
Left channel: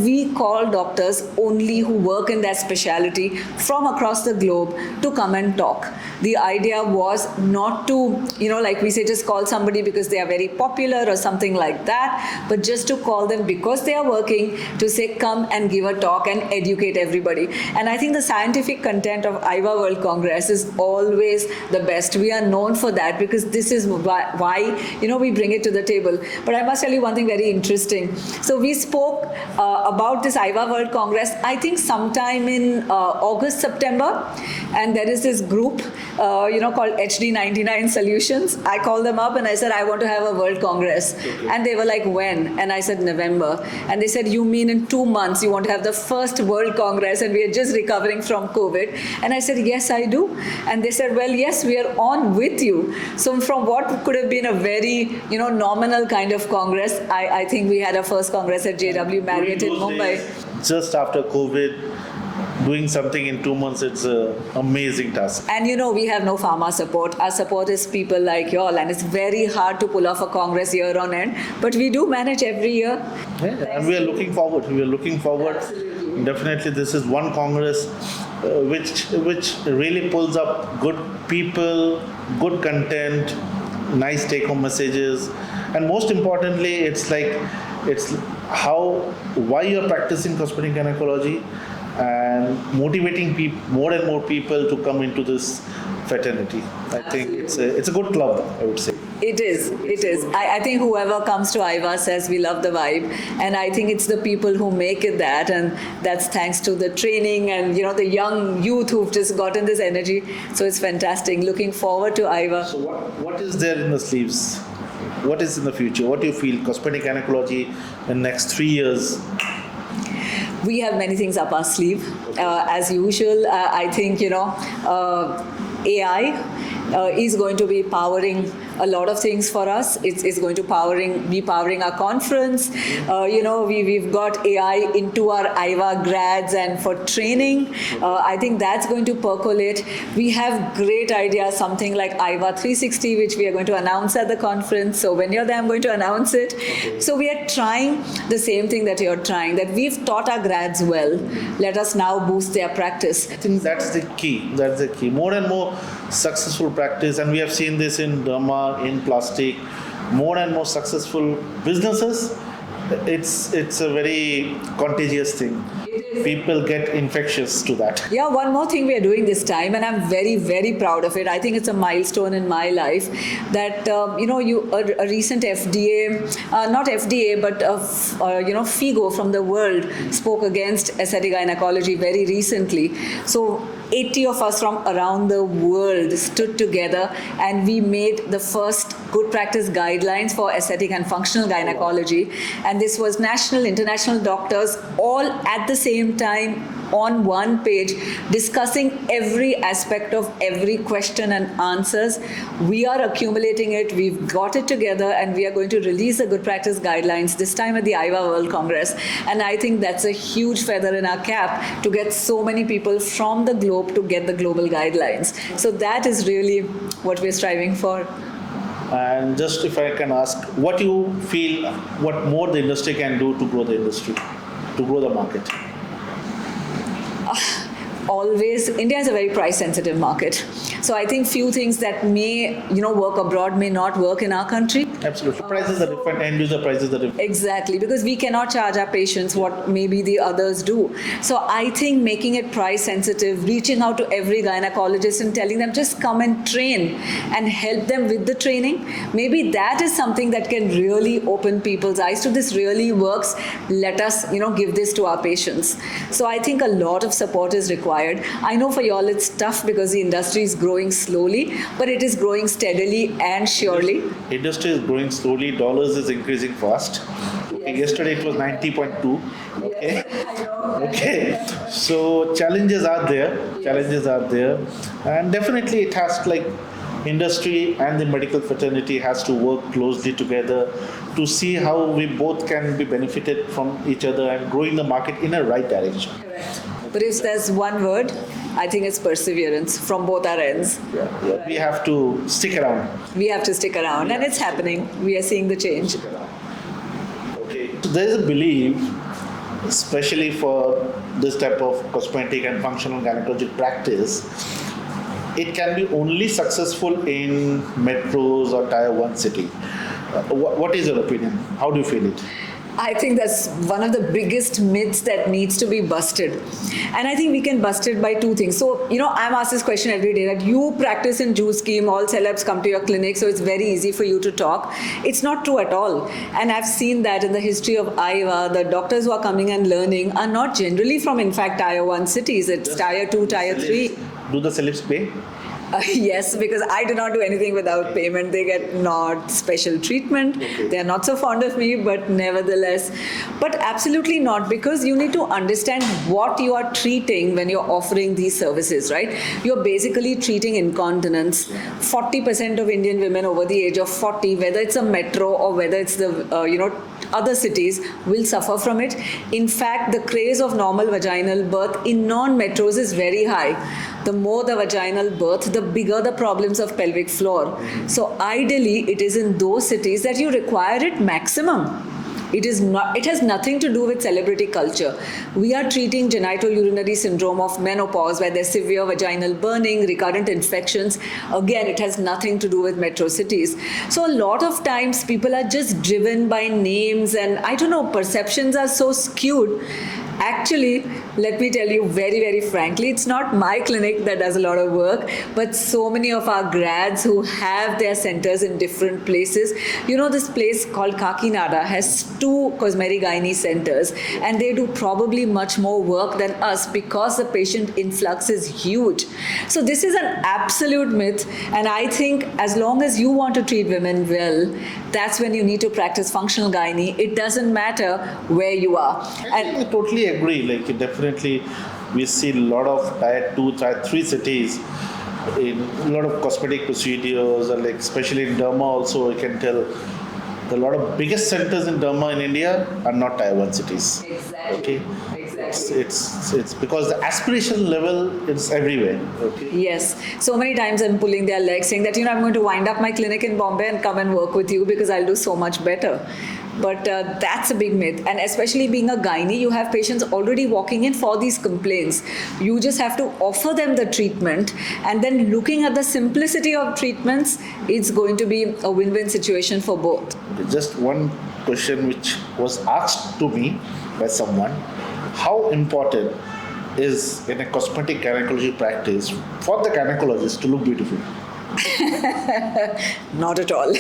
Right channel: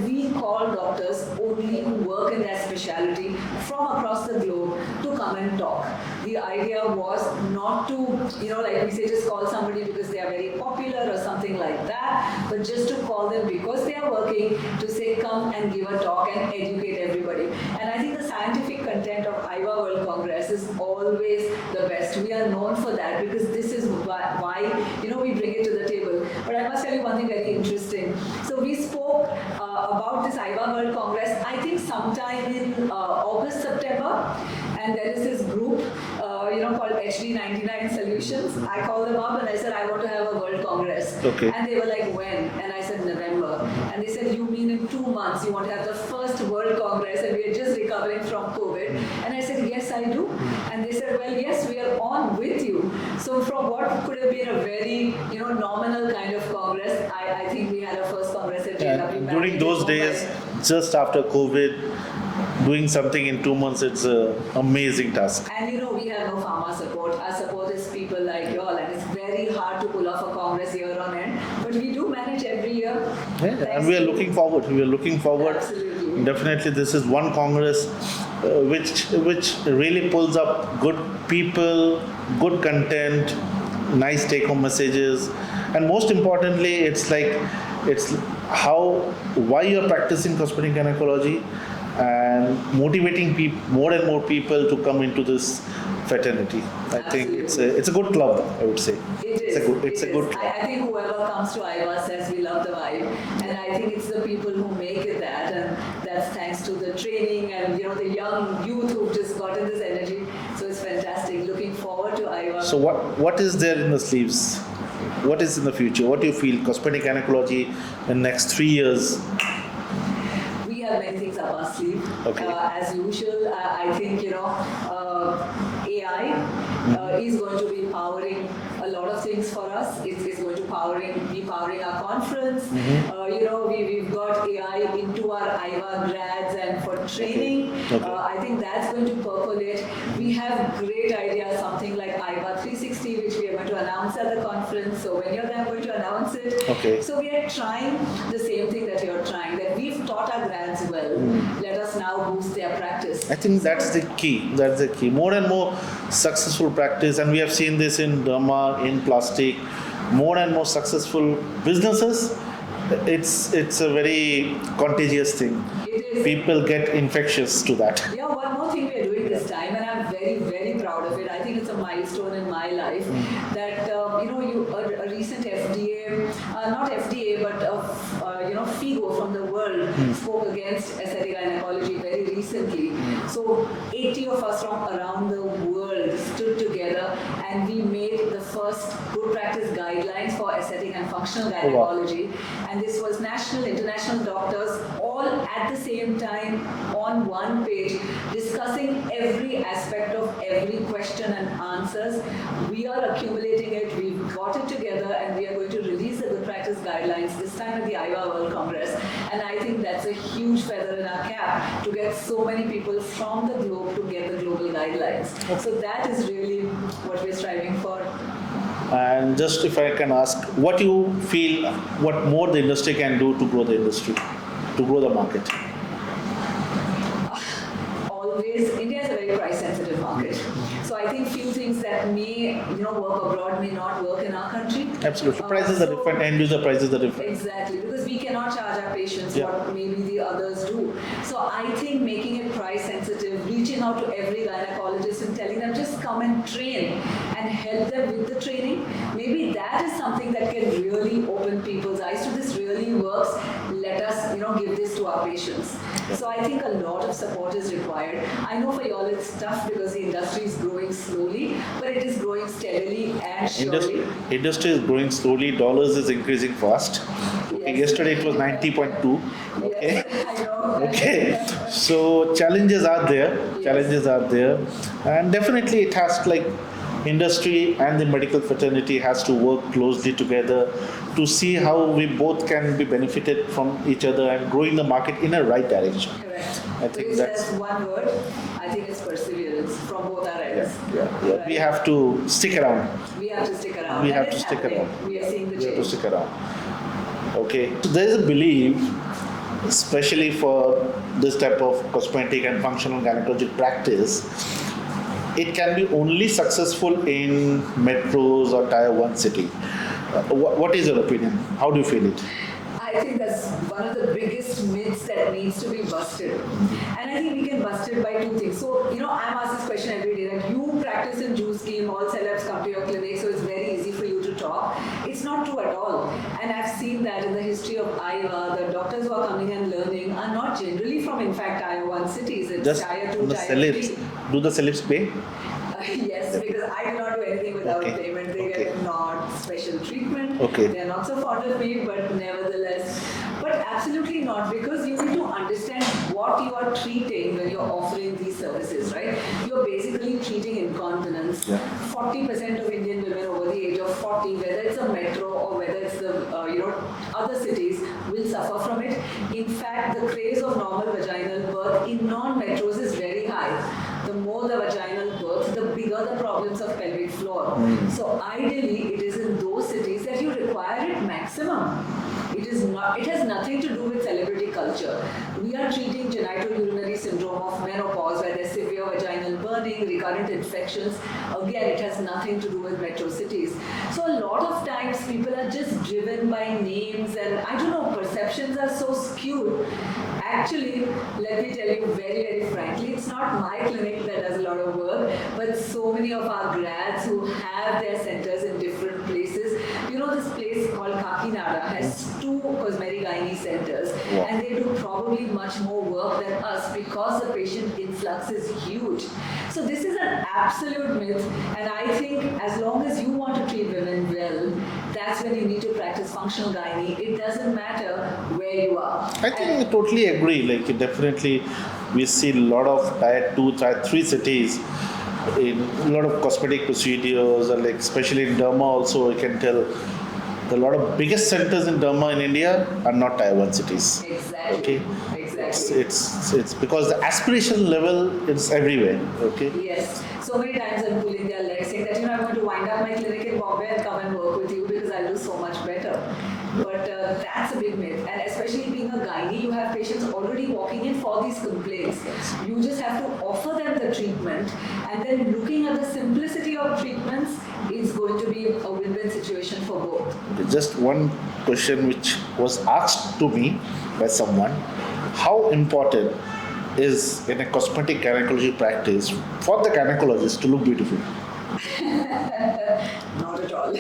we call doctors only who work in that specialty from across the globe to come and talk. The idea was not to, like we say, just call somebody because they are very popular or something like that, but just to call them because they are working, to say, come and give a talk and educate everybody. And I think the scientific content of IVA World Congress is always the best. We are known for that because this is why we bring it to the table. But I must tell you one thing very interesting. So we spoke about this IVA World Congress, I think sometime in August, September, and there is this group, called HD99 Solutions. I called them up and I said, I want to have a World Congress. Okay. And they were like, when? And I said, November. And they said, you mean in 2 months you want to have the first World Congress and we are just recovering from COVID? And I said, yes, I do. And they said, well, yes, we are on with you. So from what could have been a very, nominal kind of Congress, I think we had our first Congress at JW Marriott in Mumbai. During those days, just after COVID, doing something in 2 months, it's an amazing task. And we have no pharma support. Our support is people like you all, and it's very hard to pull off a congress year on end. But we do manage every year. Yeah, and we are looking forward. We are looking forward. Absolutely. Definitely, this is one congress which really pulls up good people, good content, nice take-home messages, and most importantly, it's why you're practicing cosmetic gynecology and motivating more and more people to come into this fraternity. I think it's a good club, I would say. It is. It is. I think whoever comes to IVA says we love the vibe, and I think it's the people who make it that, and that's thanks to the training and the young youth who've just gotten this energy. So it's fantastic. Looking forward to IVA. So what is there in the sleeves? What is in the future? What do you feel cosmetic gynecology in the next 3 years? We have many things up our sleeve. Okay. As usual, I think AI is going to be powering a lot of things for us. It's going to be powering our conference. We've got AI into our IVA grads and for training. Okay. I think that's going to percolate. We have great ideas, something like IVA 360, which we are going to announce at the conference. So when you're there, I'm going to announce it. Okay. So we are trying the same thing that you're trying, that we've taught our grads well. Let us now boost their practice. I think that's the key. That's the key. More and more successful practice, and we have seen this in derma, in plastic, more and more successful businesses. It's a very contagious thing. People get infectious to that. Yeah, one more thing we are doing this time, and I'm very, very proud of it. I think it's a milestone in my life that a recent FDA, not FDA, but FIGO from the world spoke against aesthetic gynecology very recently. So 80 of us from around the world stood together, and we made the first good practice guidelines for aesthetic and functional gynecology. And this was national, international doctors all at the same time on one page discussing every aspect of every question and answers. We are accumulating it, we've got it together, and we are going to release the good practice guidelines this time at the IVA World Congress. And I think that's a huge feather in our cap to get so many people from the globe to get the global guidelines. So that is really what we're striving for. And just if I can ask, what you feel, what more the industry can do to grow the industry, to grow the market? Always, India is a very price sensitive market. So I think few things that may work abroad may not work in our country. Absolutely. Prices are different, end user prices are different. Exactly, because we cannot charge our patients what maybe the others do. So I think making it price sensitive, reaching out to every gynecologist and telling them just come and train and help them with the training, maybe that is something that can really open people's eyes to this really works. Let us give this to our patients. So I think a lot of support is required. I know for y'all it's tough because the industry is growing slowly, but it is growing steadily and surely. Industry is growing slowly, dollars is increasing fast. Okay, yesterday it was 90.2. Okay. Yes, I know. Okay. So challenges are there. And definitely it has industry and the medical fraternity has to work closely together to see how we both can be benefited from each other and growing the market in a right direction. Correct. But if there's one word, I think it's perseverance from both our ends. Yeah. Right. We have to stick around. We have to stick around, and it's happening. We are seeing the change. Stick around. Okay. So there is a belief, especially for this type of cosmetic and functional gynecologic practice, it can be only successful in metros or tier 1 city. What is your opinion? How do you feel it? I think that's one of the biggest myths that needs to be busted. And I think we can bust it by two things. So, I'm asked this question every day that you practice in Juice Scheme, all celebs come to your clinic, so it's very easy for you to talk. It's not true at all. And I've seen that in the history of IVA, the doctors who are coming and learning are not generally from, in fact, tier 1 cities. It's tier 2, tier 3. Do the celebs pay? Yes, because I do not do anything without Okay. payment. They get not special treatment. Okay. They are not so fond of me, but nevertheless. But absolutely not, because you need to understand what you are treating when you're offering these services, right? You're basically treating incontinence. 40% of Indian women over the age of 40, whether it's a metro or whether it's the other cities, will suffer from it. In fact, the craze of normal vaginal birth in non-metros is very high. The more the vaginal birth, the bigger the problems of pelvic floor. So ideally, it is in those cities that you require it maximum. It is not. It has nothing to do with celebrity culture. We are treating genitourinary syndrome of menopause, where there's severe vaginal burning, recurrent infections. Again, it has nothing to do with metro cities. So a lot of times people are just driven by names, and I don't know, perceptions are so skewed. Actually, let me tell you very, very frankly, it's not my clinic that does a lot of work, but so many of our grads who have their centers in different places. You know, this place called Kakinada has 2 cosmetic gynae centers, and they do probably much more work than us because the patient influx is huge. So this is an absolute myth, and I think as long as you want to treat women well, that's when you need to practice functional gynae. It doesn't matter where you are. I think I totally agree. Like definitely, we see a lot of tier 2, tier 3 cities in a lot of cosmetic procedures, and like especially in derma also, I can tell a lot of biggest centers in derma in India are not tier 1 cities. Exactly. Okay. Exactly. It's because the aspiration level is everywhere. Okay. Yes. So many times I'm pulling their legs saying that, I'm going to wind up my clinic in Bombay and come and work with you because I'll do so much better. But that's a big myth. And especially being a gynae, you have patients already walking in for these complaints. You just have to offer them the treatment. And then looking at the simplicity of treatments, it's going to be a win-win situation for both. Just one question which was asked to me by someone: how important is in a cosmetic gynecology practice for the gynecologist to look beautiful? Not at all.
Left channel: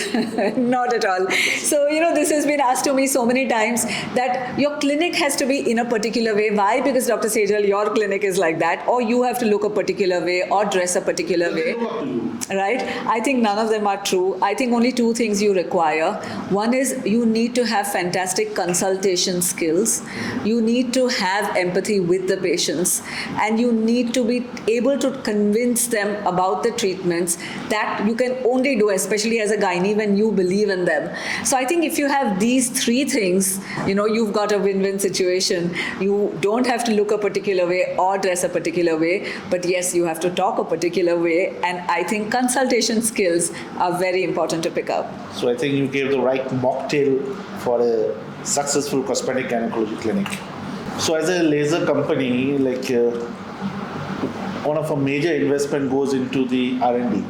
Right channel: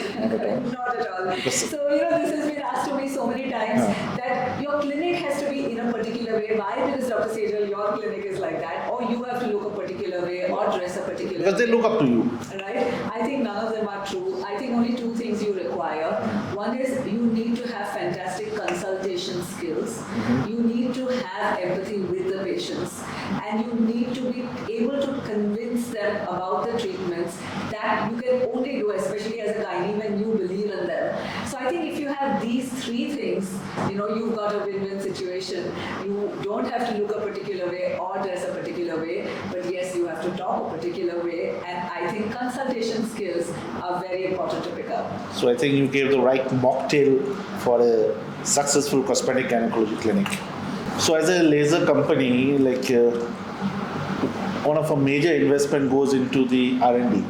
Not at all. So, this has been asked to me so many times that your clinic has to be in a particular way. Why? Because Dr. Sejal, your clinic is like that, or you have to look a particular way or dress a particular Does way. they look up to you? Right? I think none of them are true. I think only 2 things you require. One is you need to have fantastic consultation skills. You need to have empathy with the patients, and you need to be able to convince them about the treatments that you can only do, especially as a gynae, when you believe in them. So I think if you have these 3 things, you've got a win-win situation. You don't have to look a particular way or dress a particular way, but yes, you have to talk a particular way, and I think consultation skills are very important to pick up. So I think you gave the right mocktail for a successful cosmetic gynecology clinic. So as a laser company, like one of our major investment goes into the R&D.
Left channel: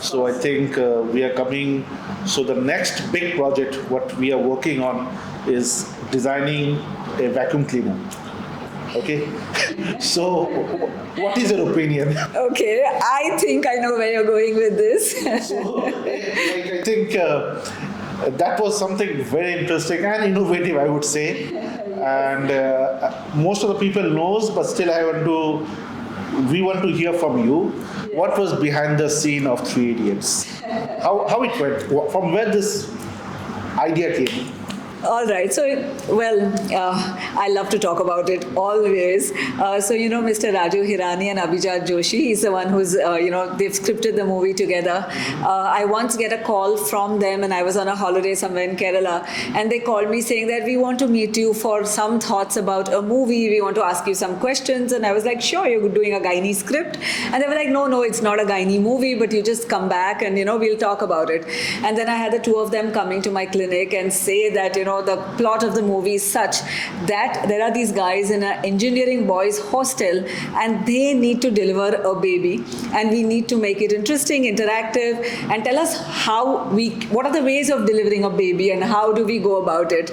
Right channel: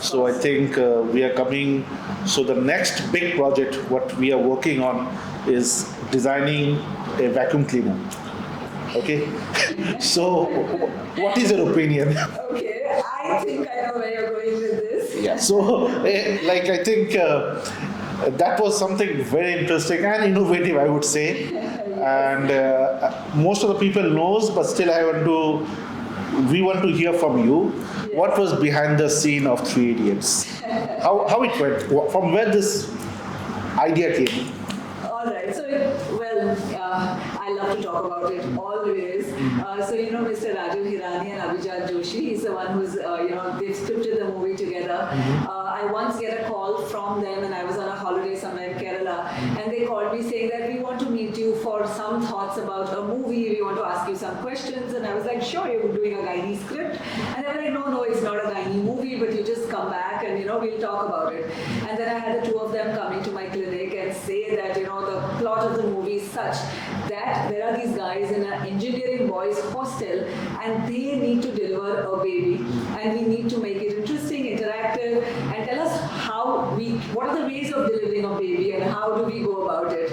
So I think we are coming. So the next big project, what we are working on, is designing a vacuum cleaner. Okay. So what is your opinion? Okay, I think I know where you're going with this. So I think that was something very interesting and innovative, I would say. And most of the people knows, but still we want to hear from you. What was behind the scene of Three Idiots? How it went? From where this idea came? All right. So, I love to talk about it always. Mr. Raju Hirani and Abhijat Joshi, he's the one who's, they've scripted the movie together. I once get a call from them, and I was on a holiday somewhere in Kerala, and they called me saying that we want to meet you for some thoughts about a movie. We want to ask you some questions. And I was like, sure, you're doing a gynae script. And they were like, no, it's not a gynae movie, but you just come back and, we'll talk about it. And then I had the 2 of them coming to my clinic and say that, the plot of the movie is such that there are these guys in an engineering boys hostel, and they need to deliver a baby, and we need to make it interesting, interactive, and tell us what are the ways of delivering a baby and how do we go about it.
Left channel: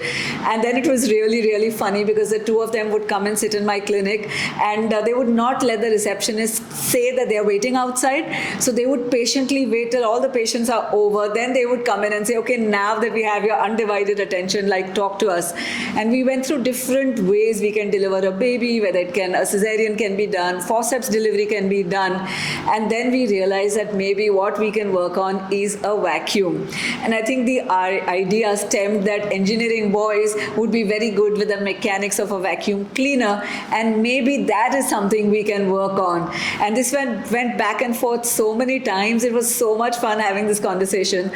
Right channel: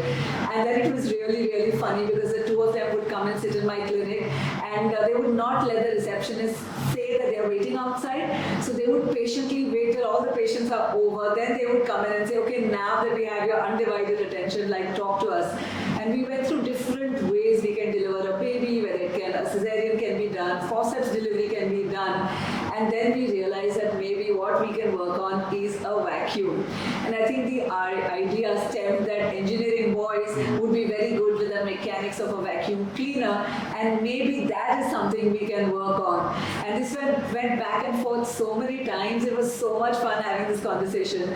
And then it was really, really funny because the 2 of them would come and sit in my clinic, and they would not let the receptionist say that they're waiting outside. So they would patiently wait till all the patients are over. Then they would come in and say, okay, now that we have your undivided attention, like talk to us. And we went through different ways we can deliver a baby, whether a cesarean can be done, forceps delivery can be done. And then we realized that maybe what we can work on is a vacuum. And I think our idea stemmed that engineering boys would be very good with the mechanics of a vacuum cleaner, and maybe that is something we can work on. And this went back and forth so many times. It was so much fun having this conversation.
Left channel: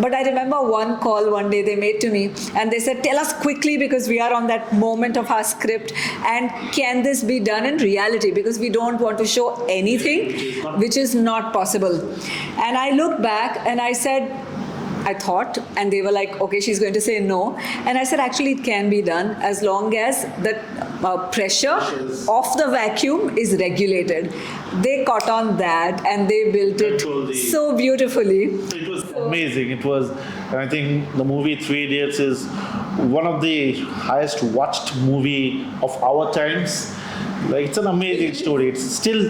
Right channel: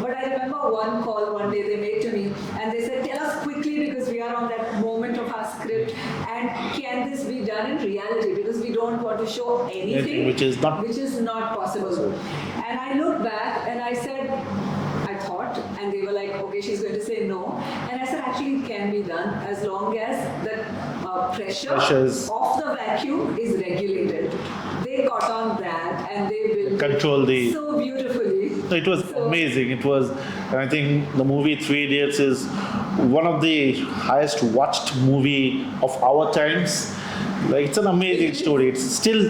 But I remember one call one day they made to me, and they said, tell us quickly, because we are on that moment of our script, and can this be done in reality? Because we don't want to show anything which is not possible. And I looked back and I said, I thought, and they were like, okay, she's going to say no. And I said, actually, it can be done as long as the pressures of the vacuum is regulated. They caught on that and they built it so beautifully. It was amazing. It was, and I think the movie Three Idiots is one of the highest watched movie of our times. Like, it's an amazing story. It's still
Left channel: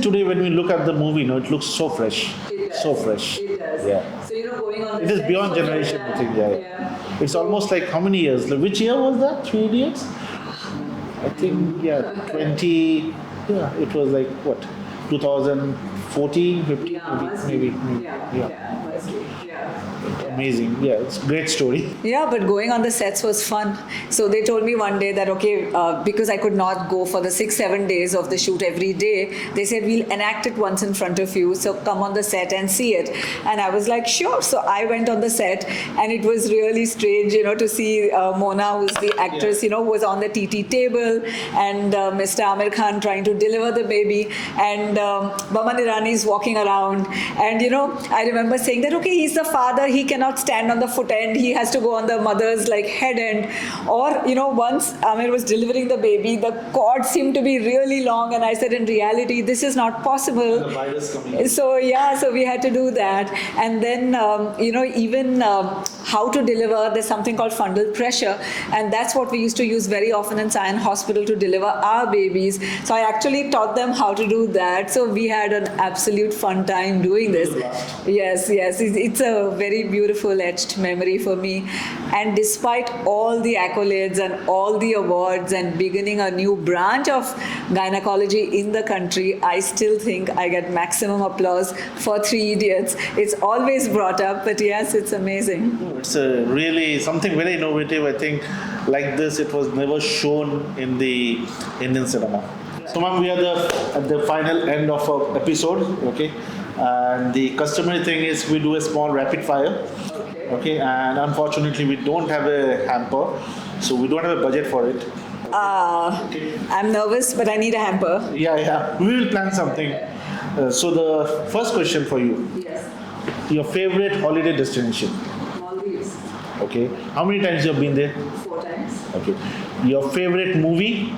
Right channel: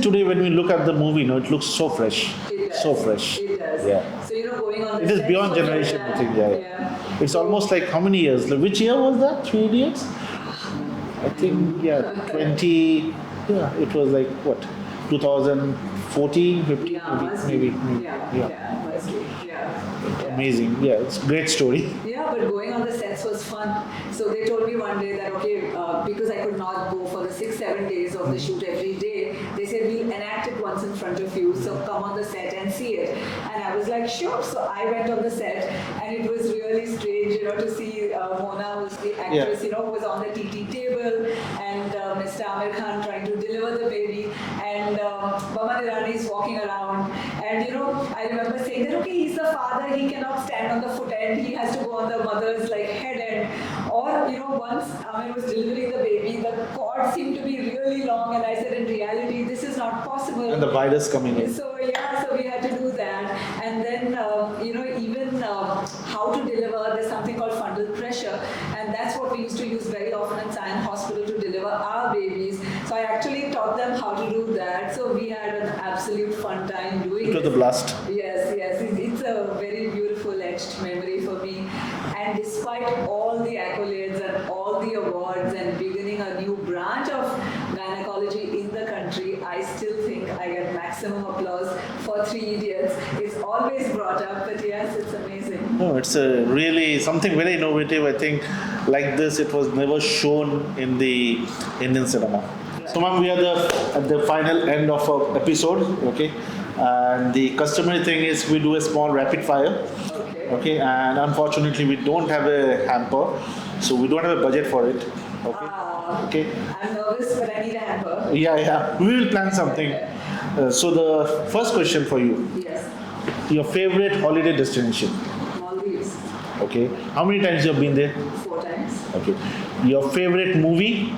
today when we look at the movie, it looks so fresh. So fresh. It does. Yeah. So, going on the it is beyond generation, I think. Yeah. It's almost like how many years? Like, which year was that? 3 Idiots? I think, 20. Yeah, it was like what? 2014, 15, maybe. Yeah, mostly. Amazing. Yeah, it's a great story. Yeah, but going on the sets was fun. So they told me one day that, okay, because I could not go for the 6-7 days of the shoot every day, they said, we'll enact it once in front of you, so come on the set and see it. And I was like, sure. So I went on the set, and it was really strange, to see Mona, who's the actress, who was on the TT table, and Mr. Amir Khan trying to deliver the baby, and Baman Irani is walking around. And, I remember saying that, okay, he's the father, he cannot stand on the foot end, he has to go on the mother's head end. Or, once Amir was delivering the baby, the cord seemed to be really long, and I said, in reality, this is not possible. And the virus coming in. So we had to do that. And then, even how to deliver, there's something called fundal pressure, and that's what we used to use very often in Sion Hospital to deliver our babies. So I actually taught them how to do that. So we had an absolute fun time doing this. It was a blast. Yes. It's a very beautiful etched memory for me. And despite all the accolades and all the awards and beginning a new branch of gynecology in the country, I still think I get maximum applause for Three Idiots. It's always brought up, but yes, it's amazing. No, it's a really something very innovative. I think like this, it was never shown in the Indian cinema. So, ma'am, we are at the final end of our episode, okay? And the customary thing is we do a small rapid fire, okay? And unfortunately, we don't have a hamper, so we don't have a budget for it. Okay. I'm nervous, but I need a hamper. Yeah. We will plan something. So the first question for you. Yes. Your favorite holiday destination? Maldives. Okay. How many times you have been there? 4 times. Okay. Your favorite movie?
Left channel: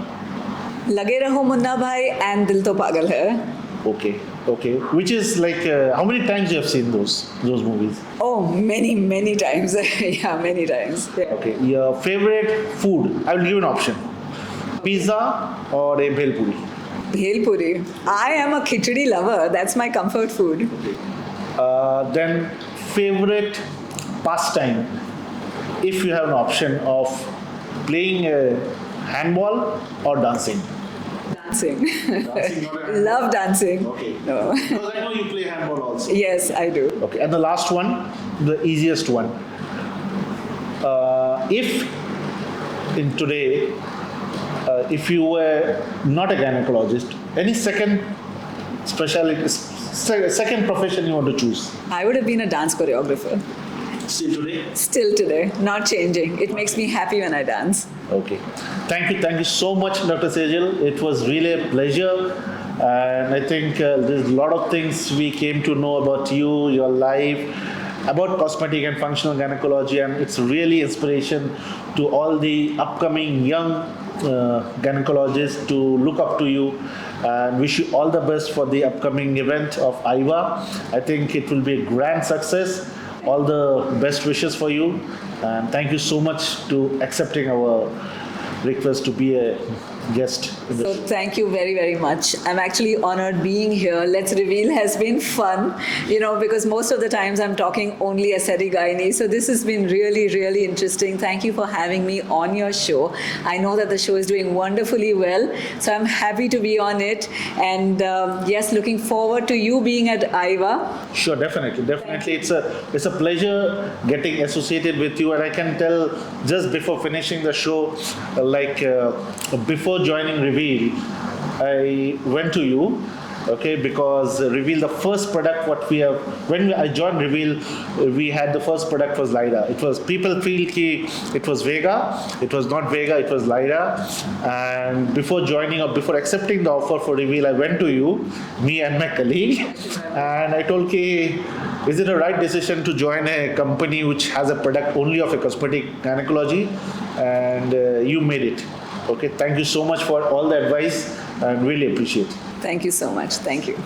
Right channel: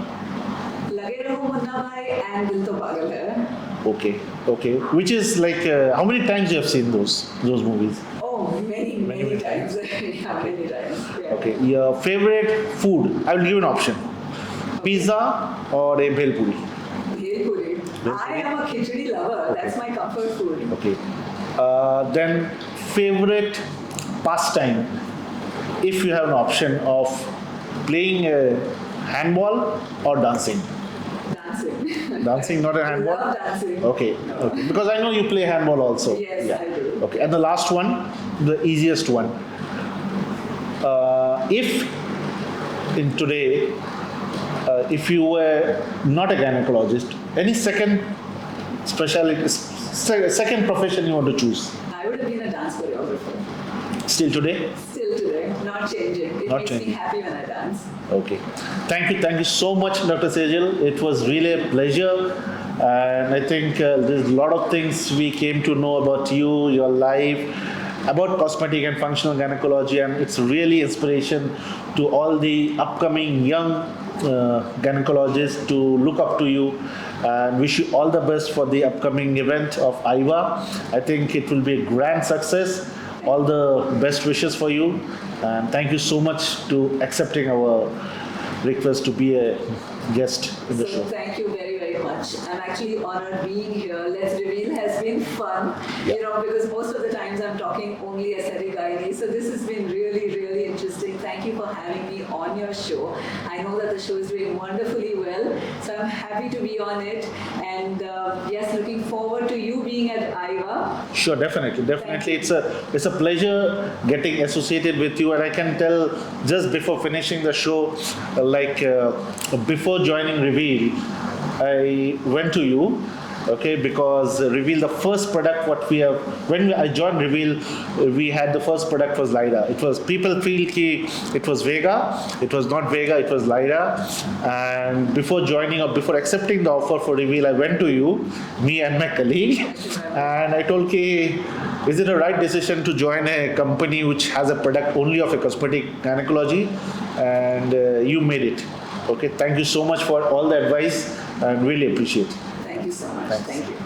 Lage Raho Munna Bhai and Dil To Pagal Hai. Okay. Which is how many times you have seen those movies? Oh, many times. Yeah, many times. Yeah. Okay. Your favorite food? I will give you an option. Pizza or a bhel puri? Bhel puri. I am a khichdi lover. That's my comfort food. Okay. Then favorite pastime? If you have an option of playing handball or dancing? Dancing, not a handball? Love dancing. Okay. Because I know you play handball also. Yes, I do. Okay. And the last one, the easiest one. If in today, if you were not a gynecologist, any second specialty, second profession you want to choose? I would have been a dance choreographer. Still today? Still today, not changing. It makes me happy when I dance. Okay. Thank you so much, Dr. Sejal. It was really a pleasure. And I think there's a lot of things we came to know about you, your life, about cosmetic and functional gynecology, and it's really inspiration to all the upcoming young gynecologists to look up to you, and wish you all the best for the upcoming event of IVA. I think it will be a grand success. All the best wishes for you, and thank you so much to accepting our request to be a guest in the So show. thank you very, very much. I'm actually honored being here. Let's Reveal has been fun, because most of the times I'm talking only aesthetic gynae. So this has been really, really interesting. Thank you for having me on your show. I know that the show is doing wonderfully well, so I'm happy to be on it. And yes, looking forward to you being at IVA. Sure, definitely. It's a pleasure getting associated with you, and I can tell just before finishing the show, before joining Reveal, I went to you, okay, because Reveal, the first product what we have when I joined Reveal, we had the first product was Lyra. It was people feel ki it was Vega, it was not Vega, it was Lyra, and before joining or before accepting the offer for Reveal, I went to you, me and my colleague, and I told ki, is it a right decision to join a company which has a product only of a cosmetic gynecology? And you made it. Okay, thank you so much for all the advice and really appreciate it. Thank you so much. Thank you.